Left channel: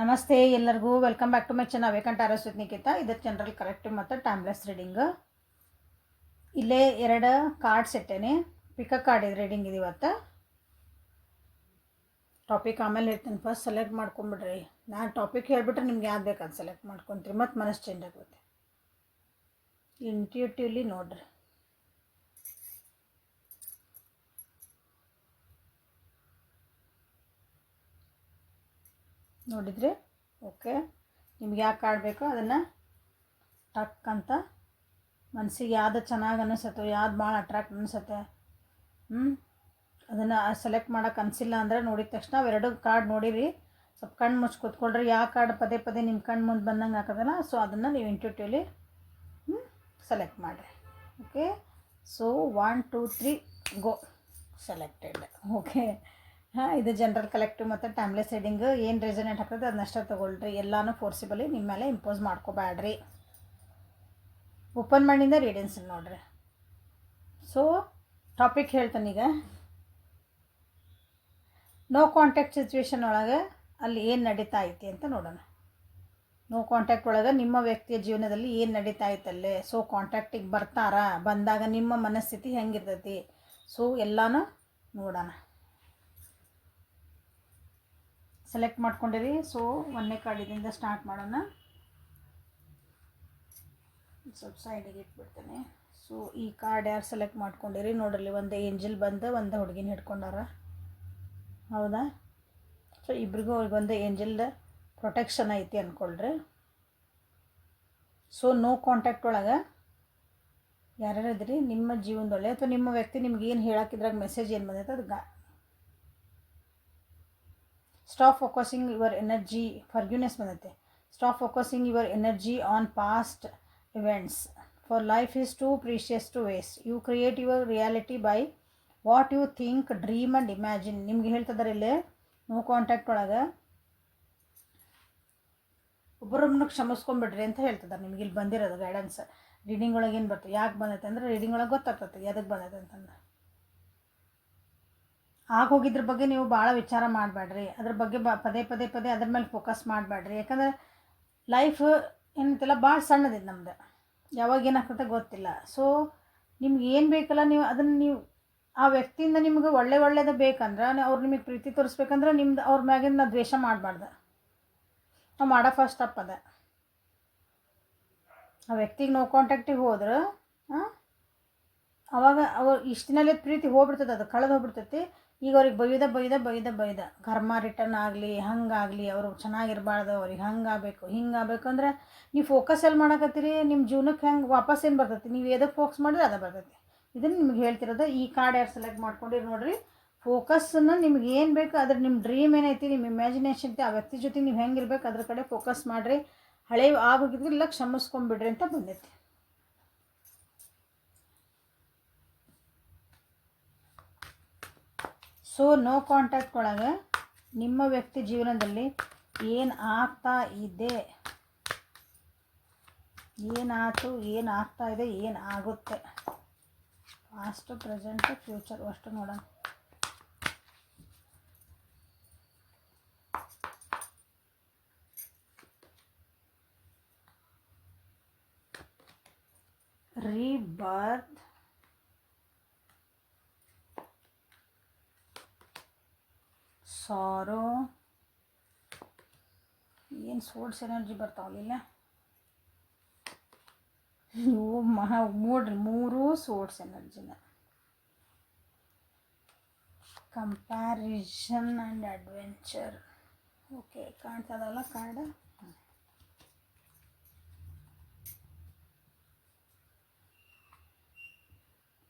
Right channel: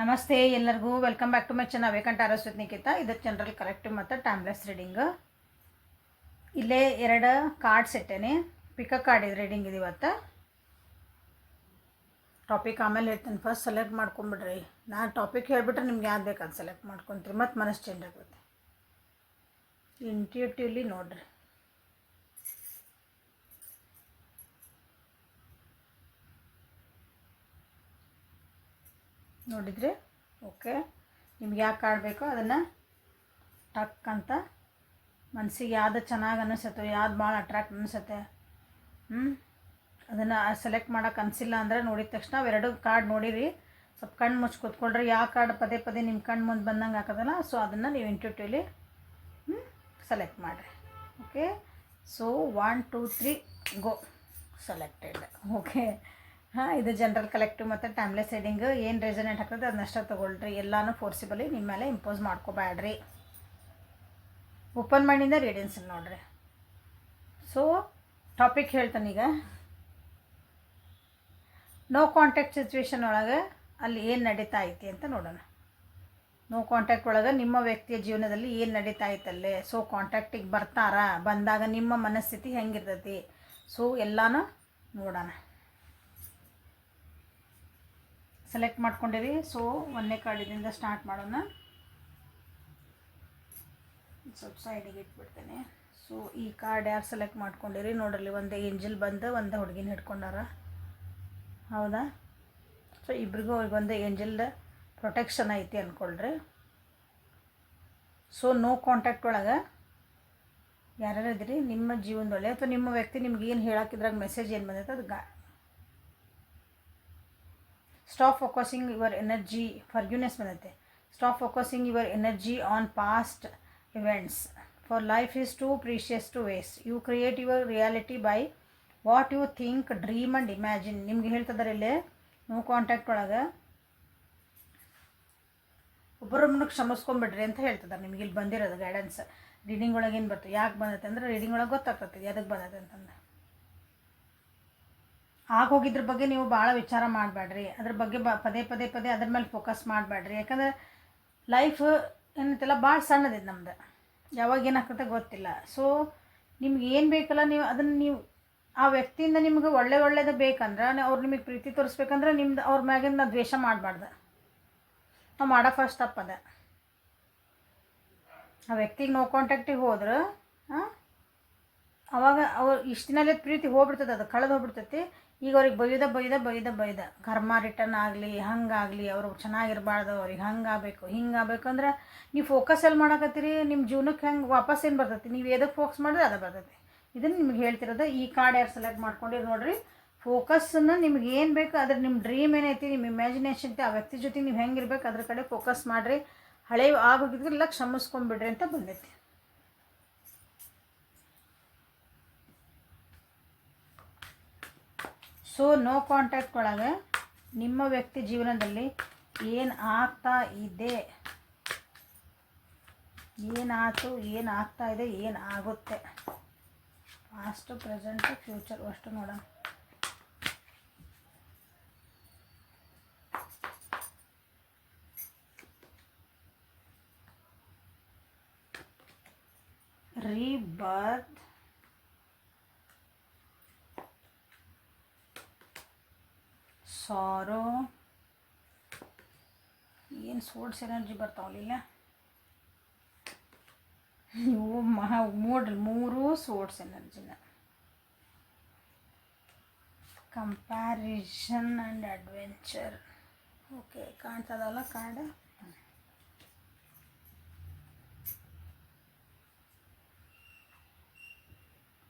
ನಮಸ್ತೆ ಎಲ್ಲರಿಗೂ welcome back to my channel vacant auras with Nikita. ಇದು ಜನರಲ್ ಕಲೆಕ್ಟಿವ್ ಮತ್ತು ಟೈಮ್ಲೆಸ್ ರೀಡಿಂಗ್. ಇಲ್ಲೇ ಎರಡು ಕಾರ್ಡ್ ಸೆಟ್ಟೇನೆ. ಪಿಕಪ್ ಕಾರ್ಡ್ ಇದು ರೀಡಿಂಗ್ ಇದು ಇವತ್ತು. ಟಾಪಿಕ್ ಆಮೇಲೆ ಹೇಳ್ತೀನಿ, ಫಸ್ಟ್ ಸೆಲೆಕ್ಟ್ ಮಾಡ್ಕೊಂಬಿಡ್ರಿ. ನಾನು ಟಾಪಿಕ್ ಹೇಳಿಬಿಟ್ರೆ ನಿಮ್ಗೆ ಯಾವ್ದು ಬೇಕು ಅದು ಸೆಲೆಕ್ಟ್ ಮಾಡ್ಕೊತೀರಿ, ಮತ್ತು ಮನಸ್ಸು ಚೇಂಜ್ ಆಗುತ್ತೆ. ಇಂಟ್ಯೂಟಿವ್ಲಿ ನೋಡ್ರಿ. ನೋಡಿದ್ರಿ? ಓಕೆ, ನಿಮ್ಗೆ ಯಾಕೆ ಕಾರ್ಡ್ ಬೇಕೋ ಅದನ್ನು ಟಕ್ ಅಂತ ಮನಸ್ಸಿಗೆ ಯಾವ್ದು ಚೆನ್ನಾಗಿ ಅನಿಸುತ್ತೋ, ಯಾವ್ದು ಭಾಳ ಅಟ್ರಾಕ್ಟ್ ಅನಿಸುತ್ತೆ, ಅದನ್ನು ಸೆಲೆಕ್ಟ್ ಮಾಡೋಕೆ ಅನಿಸಿಲ್ಲ ಅಂದರೆ ನೋಡಿದ ತಕ್ಷಣ ಅವೆರಡು ಕಾರ್ಡ್ ನೋಡಿರಿ, ಸ್ವಲ್ಪ ಕಣ್ಣು ಮುಚ್ಚಿ ಕೂತ್ಕೊಳ್ರಿ. ಯಾವ ಕಾರ್ಡ್ ಪದೇ ಪದೇ ನಿಮ್ಮ ಕಣ್ಣು ಮುಂದೆ ಬಂದಂಗೆ ಹಾಕೋದಲ್ಲ, ಸೊ ಅದನ್ನು ನೀವು ಇಂಟ್ಯೂಟಿವ್ಲಿ ಸೆಲೆಕ್ಟ್ ಮಾಡಿರಿ. ಓಕೆ, ಸೊ 1 2 3 ಗೋ ಸೆಲೆಕ್ಟೆಡ್. ಓಕೆ, ಇದು ಜನರಲ್ ಕಲೆಕ್ಟಿವ್ ಮತ್ತು ಟೈಮ್ಲೆಸ್ ರೀಡಿಂಗ್. ಏನು ರೆಸನೇಟ್ ಆಗ್ತದೆ ಅದನ್ನಷ್ಟೇ ತೊಗೊಳ್ರಿ. ಎಲ್ಲನೂ ಫೋರ್ಸಿಬಲಿ ನಿಮ್ಮ ಮೇಲೆ ಇಂಪೋಸ್ ಮಾಡ್ಕೋಬೇಡ್ರಿ. ಓಪನ್ ಮೈಂಡಿಂದ ರೀಡಿಂಗ್ಸ್ ನೋಡ್ರಿ. ಸೊ ಟಾಪಿಕ್ ಹೇಳ್ತಾನೆ ಈಗ. ನೋ ಕಾಂಟ್ಯಾಕ್ಟ್ ಸಿಚುವೇಶನ್ ಒಳಗೆ ಅಲ್ಲಿ ಏನು ನಡೀತಾ ಐತಿ ಅಂತ ನೋಡೋಣ. ನೋ ಕಾಂಟ್ಯಾಕ್ಟ್ ಒಳಗೆ ನಿಮ್ಮ ವ್ಯಕ್ತಿಯ ಜೀವನದಲ್ಲಿ ಏನು ನಡೀತಾ ಐತಲ್ಲೇ. ಸೊ ಕಾಂಟ್ಯಾಕ್ಟಿಗೆ ಬರ್ತಾರಾ, ಬಂದಾಗ ನಿಮ್ಮ ಮನಸ್ಥಿತಿ ಹೆಂಗಿರ್ತೈತಿ, ಸೊ ಎಲ್ಲನೂ ನೋಡೋಣ. ಸೆಲೆಕ್ಟ್ ಮಾಡ್ಕೊಂಡಿರಿ. ಸೊ 1ನೇ ಕಾರ್ಡಿನಿಂದ ಸ್ಟಾರ್ಟ್ ಮಾಡೋಣ. ಸ್ವಲ್ಪ ಸೈಡಿಗೆ ಇಟ್ಬಿಡ್ತೇನೆ. ಸೊ ಈ ಕಾರ್ಡ್ ಯಾರು ಸೆಲೆಕ್ಟ್ ಮಾಡ್ಕೊಂಡಿರಿ ನೋಡಲಿ. ಒಂದು ಏಂಜಲ್ ಬಂದು ಒಂದು ಹುಡುಗಿನ ಹಿಡ್ಕೊಂಡಾರ, ಹೌದಾ? ಸೊ ಇಬ್ರಿಗೂ ಒಂದು ಏಂಜಲ್ ಪ್ರೊಟೆಕ್ಷನ್ ಐತಿ ಅಂದ್ಕೊಳ್ರಿ. ಸೊ ನೋ ಕಾಂಟ್ಯಾಕ್ಟ್ ಒಳಗೆ ಯಾರ್ಯಾರು ಇದ್ರಿ ನಿಮ್ಮ ಜೀವನದೊಳಗೆ, ಅಥವಾ ನಿಮ್ಮ ವ್ಯಕ್ತಿ ನಿಮ್ಗೆ ಏನು ಹೇಳಕ್ಕಿದ್ರಾಗ ಮೆಸೇಜ್ ಏನು ಬಂದೈತೆ ಅದು ಸ್ಟಾಪ್ ಫೋಕಸಿಂಗ್ ಯುವರ್ ಎನರ್ಜಿ. ಫರ್ಗ್ಯೂನೆಸ್ ಬಂದೈತೆ. Stop focusing your energy on past events, for life is too precious to waste. You create your reality by what you think, dream and imagine. ನಿಮ್ಗೆ ಹೇಳ್ತಿದ್ದಾರೆ ಇಲ್ಲಿ ನೋ ಕಾಂಟ್ಯಾಕ್ಟ್ ಒಳಗೆ ಒಬ್ಬರೊಬ್ಬನ ಕ್ಷಮಿಸ್ಕೊಂಬಿಡ್ರಿ ಅಂತ ಹೇಳ್ತಿದ್ದಾರೆ. ನಿಮ್ಗೆ ಇಲ್ಲಿ ಬಂದಿರೋದು ಗೈಡೆನ್ಸ್. ರೀಡಿಂಗ್ ಒಳಗೆ ಏನು ಬರ್ತದೆ, ಯಾಕೆ ಬಂದೈತೆ ಅಂದರೆ ರೀಡಿಂಗ್ ಒಳಗೆ ಗೊತ್ತಾಗ್ತದೆ ಅದಕ್ಕೆ ಬಂದೈತೆ ಅಂತಂದು. ಆಗೋಗಿದ್ರ ಬಗ್ಗೆ ನೀವು ಭಾಳ ವಿಚಾರ ಮಾಡಬೇಡ್ರಿ. ಅದ್ರ ಬಗ್ಗೆ ಪದೇ ಪದೇ ಪದೇ ಅದ್ರ ಮೇಲೆ ಫೋಕಸ್ ಮಾಡಬೇಡ್ರಿ. ಯಾಕಂದರೆ ಲೈಫ್ ಏನಂತೆಲ್ಲ ಭಾಳ ಸಣ್ಣದಿದೆ ನಮ್ದು, ಯಾವಾಗ ಏನಾಗ್ತದೆ ಗೊತ್ತಿಲ್ಲ. ಸೊ ನಿಮ್ಗೆ ಏನು ಬೇಕಲ್ಲ ನೀವು ಅದನ್ನು ನೀವು ಆ ವ್ಯಕ್ತಿಯಿಂದ ನಿಮ್ಗೆ ಒಳ್ಳೇದು ಬೇಕಂದ್ರೆ, ಅವ್ರು ನಿಮಗೆ ಪ್ರೀತಿ ತೋರಿಸ್ಬೇಕಂದ್ರೆ ನಿಮ್ದು ಅವ್ರ ಮ್ಯಾಗಿನ ದ್ವೇಷ ಮಾಡಬಾರ್ದು. ನಾವು ಮಾಡೋ ಫಸ್ಟ್ ತಪ್ಪದ. ಆ ವ್ಯಕ್ತಿಗೆ ನೋ ಕಾಂಟ್ಯಾಕ್ಟಿಗೆ ಹೋದ್ರೆ ಅವಾಗ ಅವ್ರು ಇಷ್ಟು ದಿನಲ್ಲೇ ಪ್ರೀತಿ ಹೋಗ್ಬಿಡ್ತದೆ, ಅದು ಕಳೆದು ಹೋಗ್ಬಿಡ್ತೈತಿ. ಈಗ ಅವ್ರಿಗೆ ಬೈದ ಕರ್ಮ ರಿಟರ್ನ್ ಆಗಲಿ ಹಂಗಾಗಲಿ, ಅವರು ಚೆನ್ನಾಗಿರಬಾರ್ದು, ಅವ್ರಿಗೆ ಹಿಂಗಾಗಬೇಕು ಅಂದ್ರೆ ನೀವು ಫೋಕಸ್ ಎಲ್ಲಿ ಮಾಡಕತ್ತೀರಿ, ನಿಮ್ಮ ಜೀವನಕ್ಕೆ ಹೆಂಗೆ ವಾಪಸ್ ಏನು ಬರ್ತೈತಿ, ನೀವು ಎದಕ್ಕೆ ಫೋಕಸ್ ಮಾಡಿದ್ರೆ ಅದು ಬರ್ತೈತಿ. ಇದನ್ನು ನಿಮ್ಗೆ ಹೇಳ್ತಿರೋದು. ಈ ಕಾರ್ಡ್ ಯಾರು ಸೆಲೆಕ್ಟ್ ಮಾಡ್ಕೊಂಡಿರಿ ನೋಡಿರಿ. ಫೋಕಸ್ಸನ್ನು ನಿಮ್ಗೆ ಏನು ಬೇಕು ಅದ್ರ ನಿಮ್ಮ ಡ್ರೀಮ್ ಏನೈತಿ, ನಿಮ್ಮ ಇಮ್ಯಾಜಿನೇಷನ್ ಐತಿ, ಆ ವ್ಯಕ್ತಿ ಜೊತೆ ನೀವು ಹೆಂಗಿರ್ಬೇಕು ಅದ್ರ ಕಡೆ ಫೋಕಸ್ ಮಾಡಿರಿ. ಹಳೆ ಆಗೋಗಿದ್ರೆಲ್ಲ ಕ್ಷಮಿಸ್ಕೊಂಡ್ಬಿಡ್ರಿ ಅಂತ ಬಂದೈತಿ. ಸೊ ನೋ ಕಾಂಟ್ಯಾಕ್ಟ್ ಒಳಗೆ ನಿಮ್ಮ ವ್ಯಕ್ತಿ ಜೀವನದಲ್ಲಿ ಏನು ಆಗ್ತಾ ಇದೆ, ಏನಾಯ್ತು, ಏನಾಗ್ತಾ ಇದೆ, ಏನಾಗುತ್ತೆ, ಪಾಸ್ಟ್ ಪ್ರೆಸೆಂಟ್ ಫ್ಯೂಚರ್ ಅಷ್ಟು ನೋಡೋಣ. ರೀಬರ್ತ್, ಸಾರೋ, ಏನು ಸೋರ್ಸ್ ಎನರ್ಜಿ ಬರ್ತಾವಲ್ಲ ಇವು ಮೂರು ಸೋರ್ಸ್ ಎನರ್ಜಿನ. Comparison and adventure. ಓಕೆ, ಕಾಣ್ತದಲ್ಲ ಕಾರ್ಡ್.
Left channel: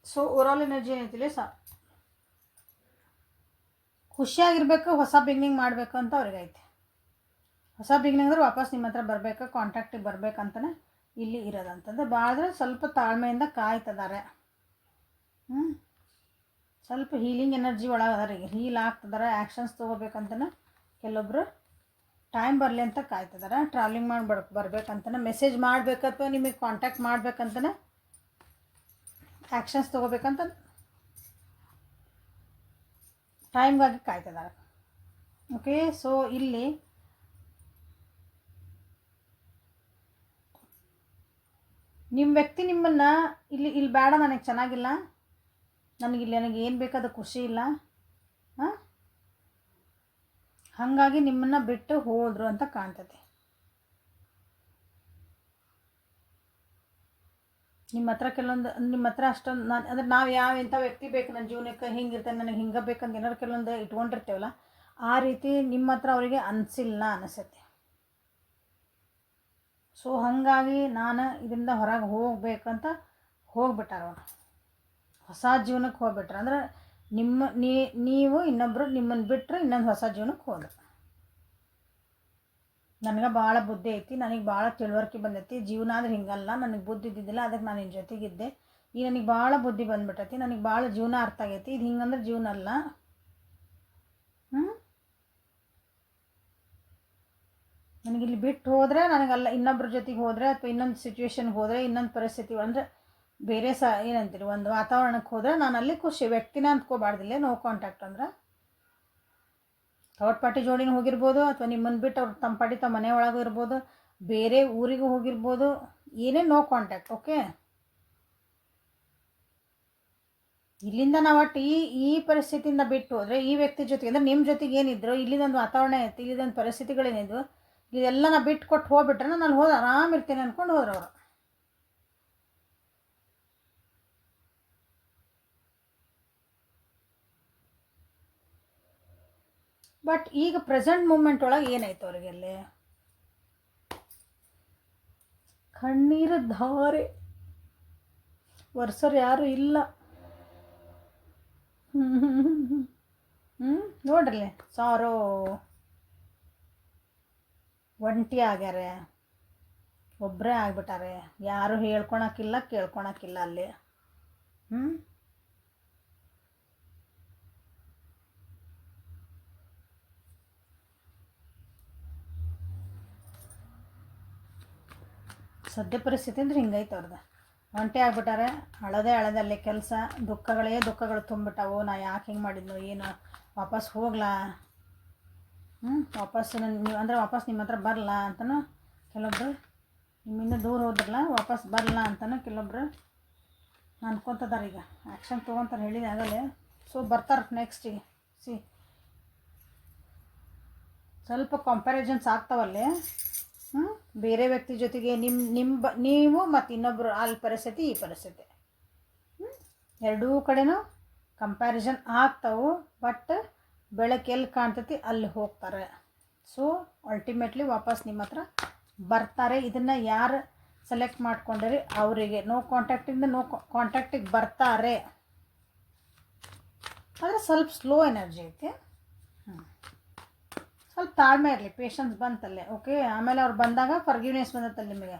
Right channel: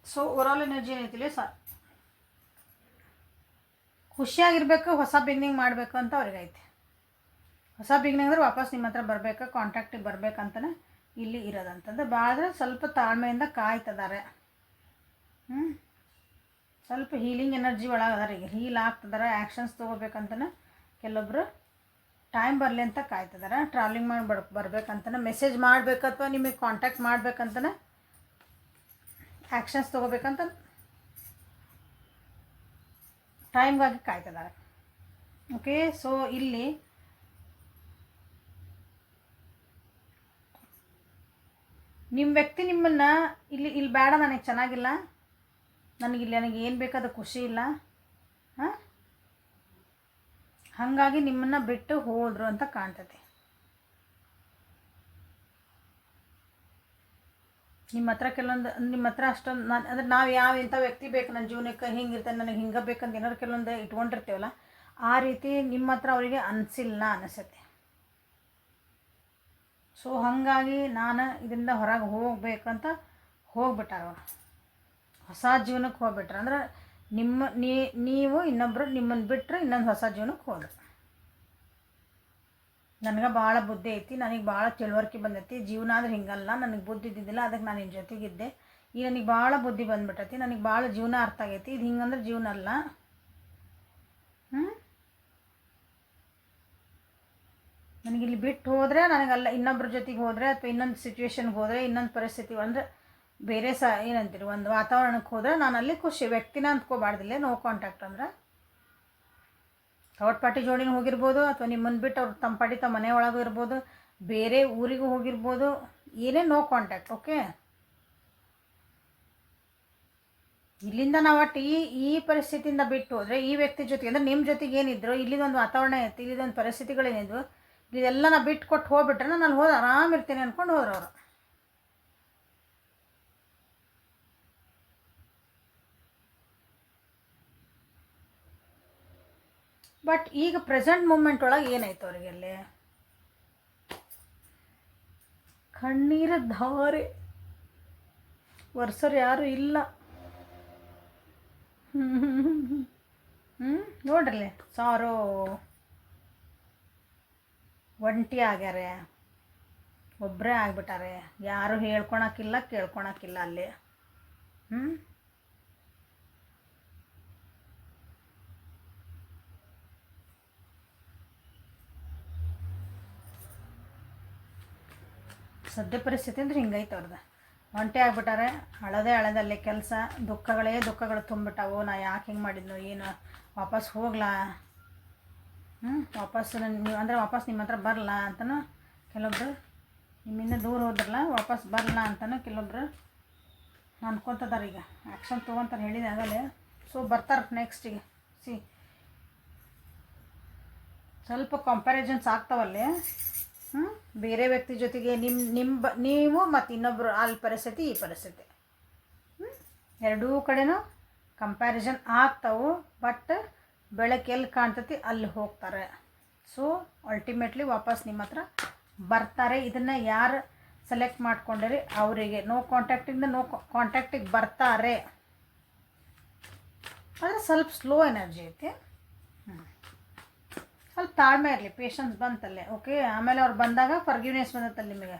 ಸೊ ಓವರಾಲ್ ಎನರ್ಜಿ ಏನೈತಿಲ್ಲ, ಖುಷಿಯಾಗಿರ್ಬೇಕು, ಹೊಸ ಬಿಗ್ನಿಂಗ್ ಮಾಡಬೇಕು ಅಂತ ಅವ್ರಿಗೈತೆ. ಹೊಸ ಬಿಗ್ನಿಂಗ್ ಅಂದ್ರೆ ವಾಪಸ್ ನಿಮ್ಮ ಹತ್ರ ಬರಬೇಕು, ಕಾಂಟ್ಯಾಕ್ಟಿಗೆ ಬರ್ಬೇಕಂತಲೇ ಇಲ್ಲಿ ಇರೋದಂತಂದ್ರೆ ಭಾಳ ಸ್ವಲ್ಪ ತಾಳ್ಮೆಯಿಂದ ಕಾಯ್ತಿದ್ದಾರೆ. ಸ್ವಲ್ಪ ಹೀಲಿಂಗ್ ಎನರ್ಜಿ ಒಳಗೆ ಅದಾರ. ಈಗ ಹೀಲ್ ಆಗ್ತಿದ್ದಾರೆ, ಆ್ಯಕ್ಷನ್ಸ್ ತೊಗೋಬೇಕಂತಲೇ ಕೆಲವೊಬ್ಬರು ಟೈಮ್ ಬರಲಿ ಅಂತ ಕಾಯ್ತಿದ್ದಾರೆ. ಟ್ರಾವೆಲಿಂಗ್ ಮಾಡಿ ಬರ್ಬೇಕಂತಲೇ, ಮೆಸೇಜ್ ಮಾಡಬೇಕು ಅಥವಾ ನಿಮಗೆ ಕಾಂಟ್ಯಾಕ್ಟ್ ಮಾಡ್ಬೇಕಂತಲೇ ಆ್ಯಕ್ಷನ್ಸ್ ತೊಗೋಬೇಕಂತ ಟೈಮ್ಗಾಗಿ ಕಾಯ್ತಿದ್ದಾರೆ. ಓಕೆ, ಸೊ ಇಲ್ಲಿ ನಿಮ್ಮ ವ್ಯಕ್ತಿ ನಿಮ್ಮನ್ನು ಇಲ್ಲಿ ಬೇಡ, ನನಗೆ ಚೆನ್ನಾಗಿಲ್ಲ, ನನಗೆ ಏನು ಬೇಕಾದ ಖುಷಿ ಇಲ್ಲ, ಹಾಂ, ಹಾಗಾಗಿ ನಿಮ್ಮನ್ನು ಬಿಟ್ಟು ಹೋದರು ಅಂತ ಕಾಣ್ತದೆ. ನಿಮ್ಮ ಹತ್ರ ಅಷ್ಟೊಂದು ಅಂದರೆ ನಾವು ಇಂಥ ವ್ಯಕ್ತಿ ಬೇಕು ನನ್ನ ಜೀವನಕ್ಕೆ, ಹಿಂಗಿರ್ತಾನೆ, ನನಗೆ ಹಿಂಗೆ ಬೇಕಂತ ಏನಾದ್ರು ಕೆಲವೊಂದು ಇಟ್ಕೊಂಡಿರ್ತೇವಲ್ಲ, ಆ ರೀತಿ ನಿಮ್ಮ ಹತ್ರ ಅವರಿಗೆ ಅನಿಸಿಲ್ಲ ಅನಿಸುತ್ತೆ. ಸೊ ಹಾಗಾಗಿ ನಾನು ಇದರಿಂದ ಹೊರಗೆ ಹೋಗ್ಬೇಕಂತ ಹೋಗ್ಬಿಟ್ಟಾರ ಅವರು, ಹೊಸ ಜೀವನಕ್ಕೆ ಹೋಗ್ಬಿಟ್ರೆ. ಅಂದ್ರೆ ನೀವು ಇನ್ನೊಬ್ಬರು ನಿಮ್ಮನ್ನು ಬಿಟ್ಟರೆ ಇನ್ನೊಂದು ಹೊಸ ಜೀವನಕ್ಕೆ ಹೋದ್ರು. ನನಗೆ ಭಾಳ ಬುದ್ಧಿ ಐತಿ, ನನಗೆ ಭಾಳ ತಿಳುವಳಿಕೆ ಬಂದೈತಿ, ಜೀವನ ಅಂದ್ರೆ ಹಿಂಗಲ್ಲ, ನನಗೆ ಬುದ್ಧಿ ಇದ್ದಿದ್ದಿಲ್ಲ, ಅದಕ್ಕೆ ನಾನು ನಿನ್ನ ಜೊತೆಗಿದ್ದೆ, ಈಗ ನನಗೆ ಭಾಳ ಬುದ್ಧಿ ಬಂದ್ಬಿಟ್ಟೈತಿ, ನನಗೆ ಭಾಳ ಜೀವನ ಅರ್ಥ ಆಗೈತಿ, ಇದು ಹಿಂಗಂದ್ರೆ ಜೀವನ ಅಲ್ಲ. ನನಗಿಲ್ಲಿ ಬಿಟ್ಟು ಹೋದರೆ, ನನಗಲ್ಲ ಇನ್ನೊಬ್ಬರ ಜೊತೆಗೆ ಹೋದರೆ, ಅಥವಾ ಇನ್ನೊಂದು ಸಿಚುವೇಶನ್ಗೆ ಹೋದರೆ, ಇನ್ನೊಂದು ಪರಿಸ್ಥಿತಿ ಅಂದರೆ ಬೇರೆ ಏನಂತೀರಿ, ಒಂದು ವಾತಾವರಣಕ್ಕೆ ಹೋದರೆ ನಾನು ಅಲ್ಲಿ ಖುಷಿ, ವ್ಯಕ್ತಿನ ಅಂದ್ಕೋಬಾರ್ದಿಲ್ಲ. ನೋ ಕಾಂಟ್ಯಾಕ್ಟ್ ಅಂದ್ರೆ ಥರ್ಡ್ ಪಾರ್ಟಿ ಜೋಡಿನೂ ಹೋಗಿರ್ಬೋದು, ಅಥವಾ ನಿಮ್ಮನ್ನು ಬಿಟ್ಟು ಅವ್ರು ತಮ್ಮ ಪಾಟಿ ತಮ್ಮ ಮನೆ ಒಳಗೂ ಇರ್ಬೋದು, ಬೇರೆ ಊರಿಗೂ ಹೋಗಿರ್ಬೋದು, ಏನೇ ನೋ ಕಾಂಟ್ಯಾಕ್ಟ್. ಓಕೆ, ಇಲ್ಲಿಂದ ನಾವು ಒಟ್ಟು ಈ ಪರಿಸ್ಥಿತಿಯಿಂದ ಬಿಟ್ಟು ಹೋದರೆ, ಈ ವ್ಯಕ್ತಿ ಜೊತೆಗೆ ಅಂದರೆ ನಿಮ್ಮ ಜೊತೆಗೆ ಏನಿದ್ರು, ಇಲ್ಲಿದೊಂದು ವಾತಾವರಣ ಇತ್ತು, ಇಲ್ಲಿದೊಂದು ಪರಿಸ್ಥಿತಿಗಳೇನಿದ್ವು, ಇದೆಲ್ಲ ನಾ ಬಿಟ್ಟು ಕೊಟ್ಟು ಹೋಗ್ಬಿಟ್ರೆ ನಾನು ಅಲ್ಲಿ ಹೋಗಿ ಆರಾಮಿರ್ತೇನೆ ಅಂದ್ಕೊಂಡು ಹೋದ್ರು ಅವರು. ಬಟ್ ಈಗ ಪ್ರೆಸೆಂಟ್ ಮೂಮೆಂಟ್ ಒಳಗೆ ಏನಾಯ್ತು ಅವರಿಗೆ, ಅಲ್ಲಿ ಕಣ್ಣೀರ ಧಾರೆ ವರ್ಷರು ಯಾರು ಇಲ್ಲ. ನೋಡ್ರಿ, ಸಾರೋ ಒಂಟಿ ಆಗ್ಯಾರೆ, ಒಬ್ಬರೇ ಆಗ್ಬಿಟ್ಟಾರೆ, ಯಾರು ಹೇಳ್ಕೊಳಕ್ಕಿಲ್ಲ ಕೇಳ್ಕೊಳಕ್ಕಿಲ್ಲ ಅಲ್ಲಿ. ಸದ್ಯ ಪರಿಸ್ಥಿತಿ ಅಂದ್ರೆ ಹಿಂಗೈತೆ ಅವ್ರದ್ದು. ಒಂಟೆ ಆಗ್ಬಿಟ್ಟಾರೆ, ಅಳದಲ್ಲಿ ಕೆಲಸ, ದುಃಖಗಳು ತುಂಬಿಟ್ಟಾವು. ನಾ ಯಾಕೆ ಹಿಂಗೆ ಮಾಡಿದ್ನು, ಏನು ವಾಪಸ್ ಹೋಗ್ಲಾ, ವಾಪಸ್ ವಾಪಸ್ ನಿಮ್ಮ ಹತ್ರ ಬರಲ್ಲ ಅಂತನೂ ಕೆಲವೊಬ್ರು, ನಿಮ್ಮಿಂದ ದೂರ ಹೋದ್ರಲ್ಲ ವಾಪಸ್ ಬರಲ್ಲ ಅಂತನೂ ಕೆಲವೊಬ್ರು ಅನ್ಕೊತದಾರೆ. ಈಗ ಆ್ಯಕ್ಷನ್ ತೊಗೊತಾರೆ, ಹೇಳಿದೆ ಆಗಲೇ. ಸೊ ಬರ್ತಾರೆ ನೆಕ್ಸ್ಟಿಗೆ. ಸ್ವಲ್ಪ ಕಂಪ್ಯಾರಿಸನ್ಸ್ ಆಗ್ತಾವಲ್ಲೇ, ಬೇರೆ ವ್ಯಕ್ತಿ ಜೊತೆಗೆ ನೀವು ಮತ್ತು ಇನ್ನೊಬ್ಬರು, ಅಲ್ಲಿ ಪರಿಸ್ಥಿತಿ ಈ ಪರಿಸ್ಥಿತಿ, ಎರಡೂ ಕಡೆನೂ ಕಂಪ್ಯಾರಿಸನ್ ಆಗ್ತಾವೆ. ಬಟ್ ಬೆಳಕು ಎಲ್ಲಿ ಕಾಣ್ತೈತಿ ಅಲ್ಲಿ ಹೋಗ್ತಾರೆ. ಸೊ ಅಲ್ಟಿಮೇಟ್ಲಿ ವಾಪಸ್ ನಿಮ್ಮ ಹತ್ರ ಬರ್ತಾರೆ. ಇದನ್ನು ಯಾರು ಸೆಲೆಕ್ಟ್ ಮಾಡ್ಕೊಂಡಿರಿ ಅವರಿಗೆ ನೋ ಕಾಂಟ್ಯಾಕ್ಟಿಗೆ ಬರ್ತಾರೆ. ಆದರೆ ಸ್ವಲ್ಪ ಸ್ಲೋ ಎನರ್ಜಿ ಐತಿ, ಸ್ವಲ್ಪ ತಾಳ್ಮೆ ಇರಲಿ, ಪೇಷನ್ಸ್ ಬಂತಲ್ಲೇ. ಓಕೆ, ಆಮೇಲೆ ಅವ್ರು ಬಂದಾಗ ಫರ್ಗಿವ್ನೆಸ್ ಬಂದತ್ತಲ್ಲ ನಿಮಗೆ.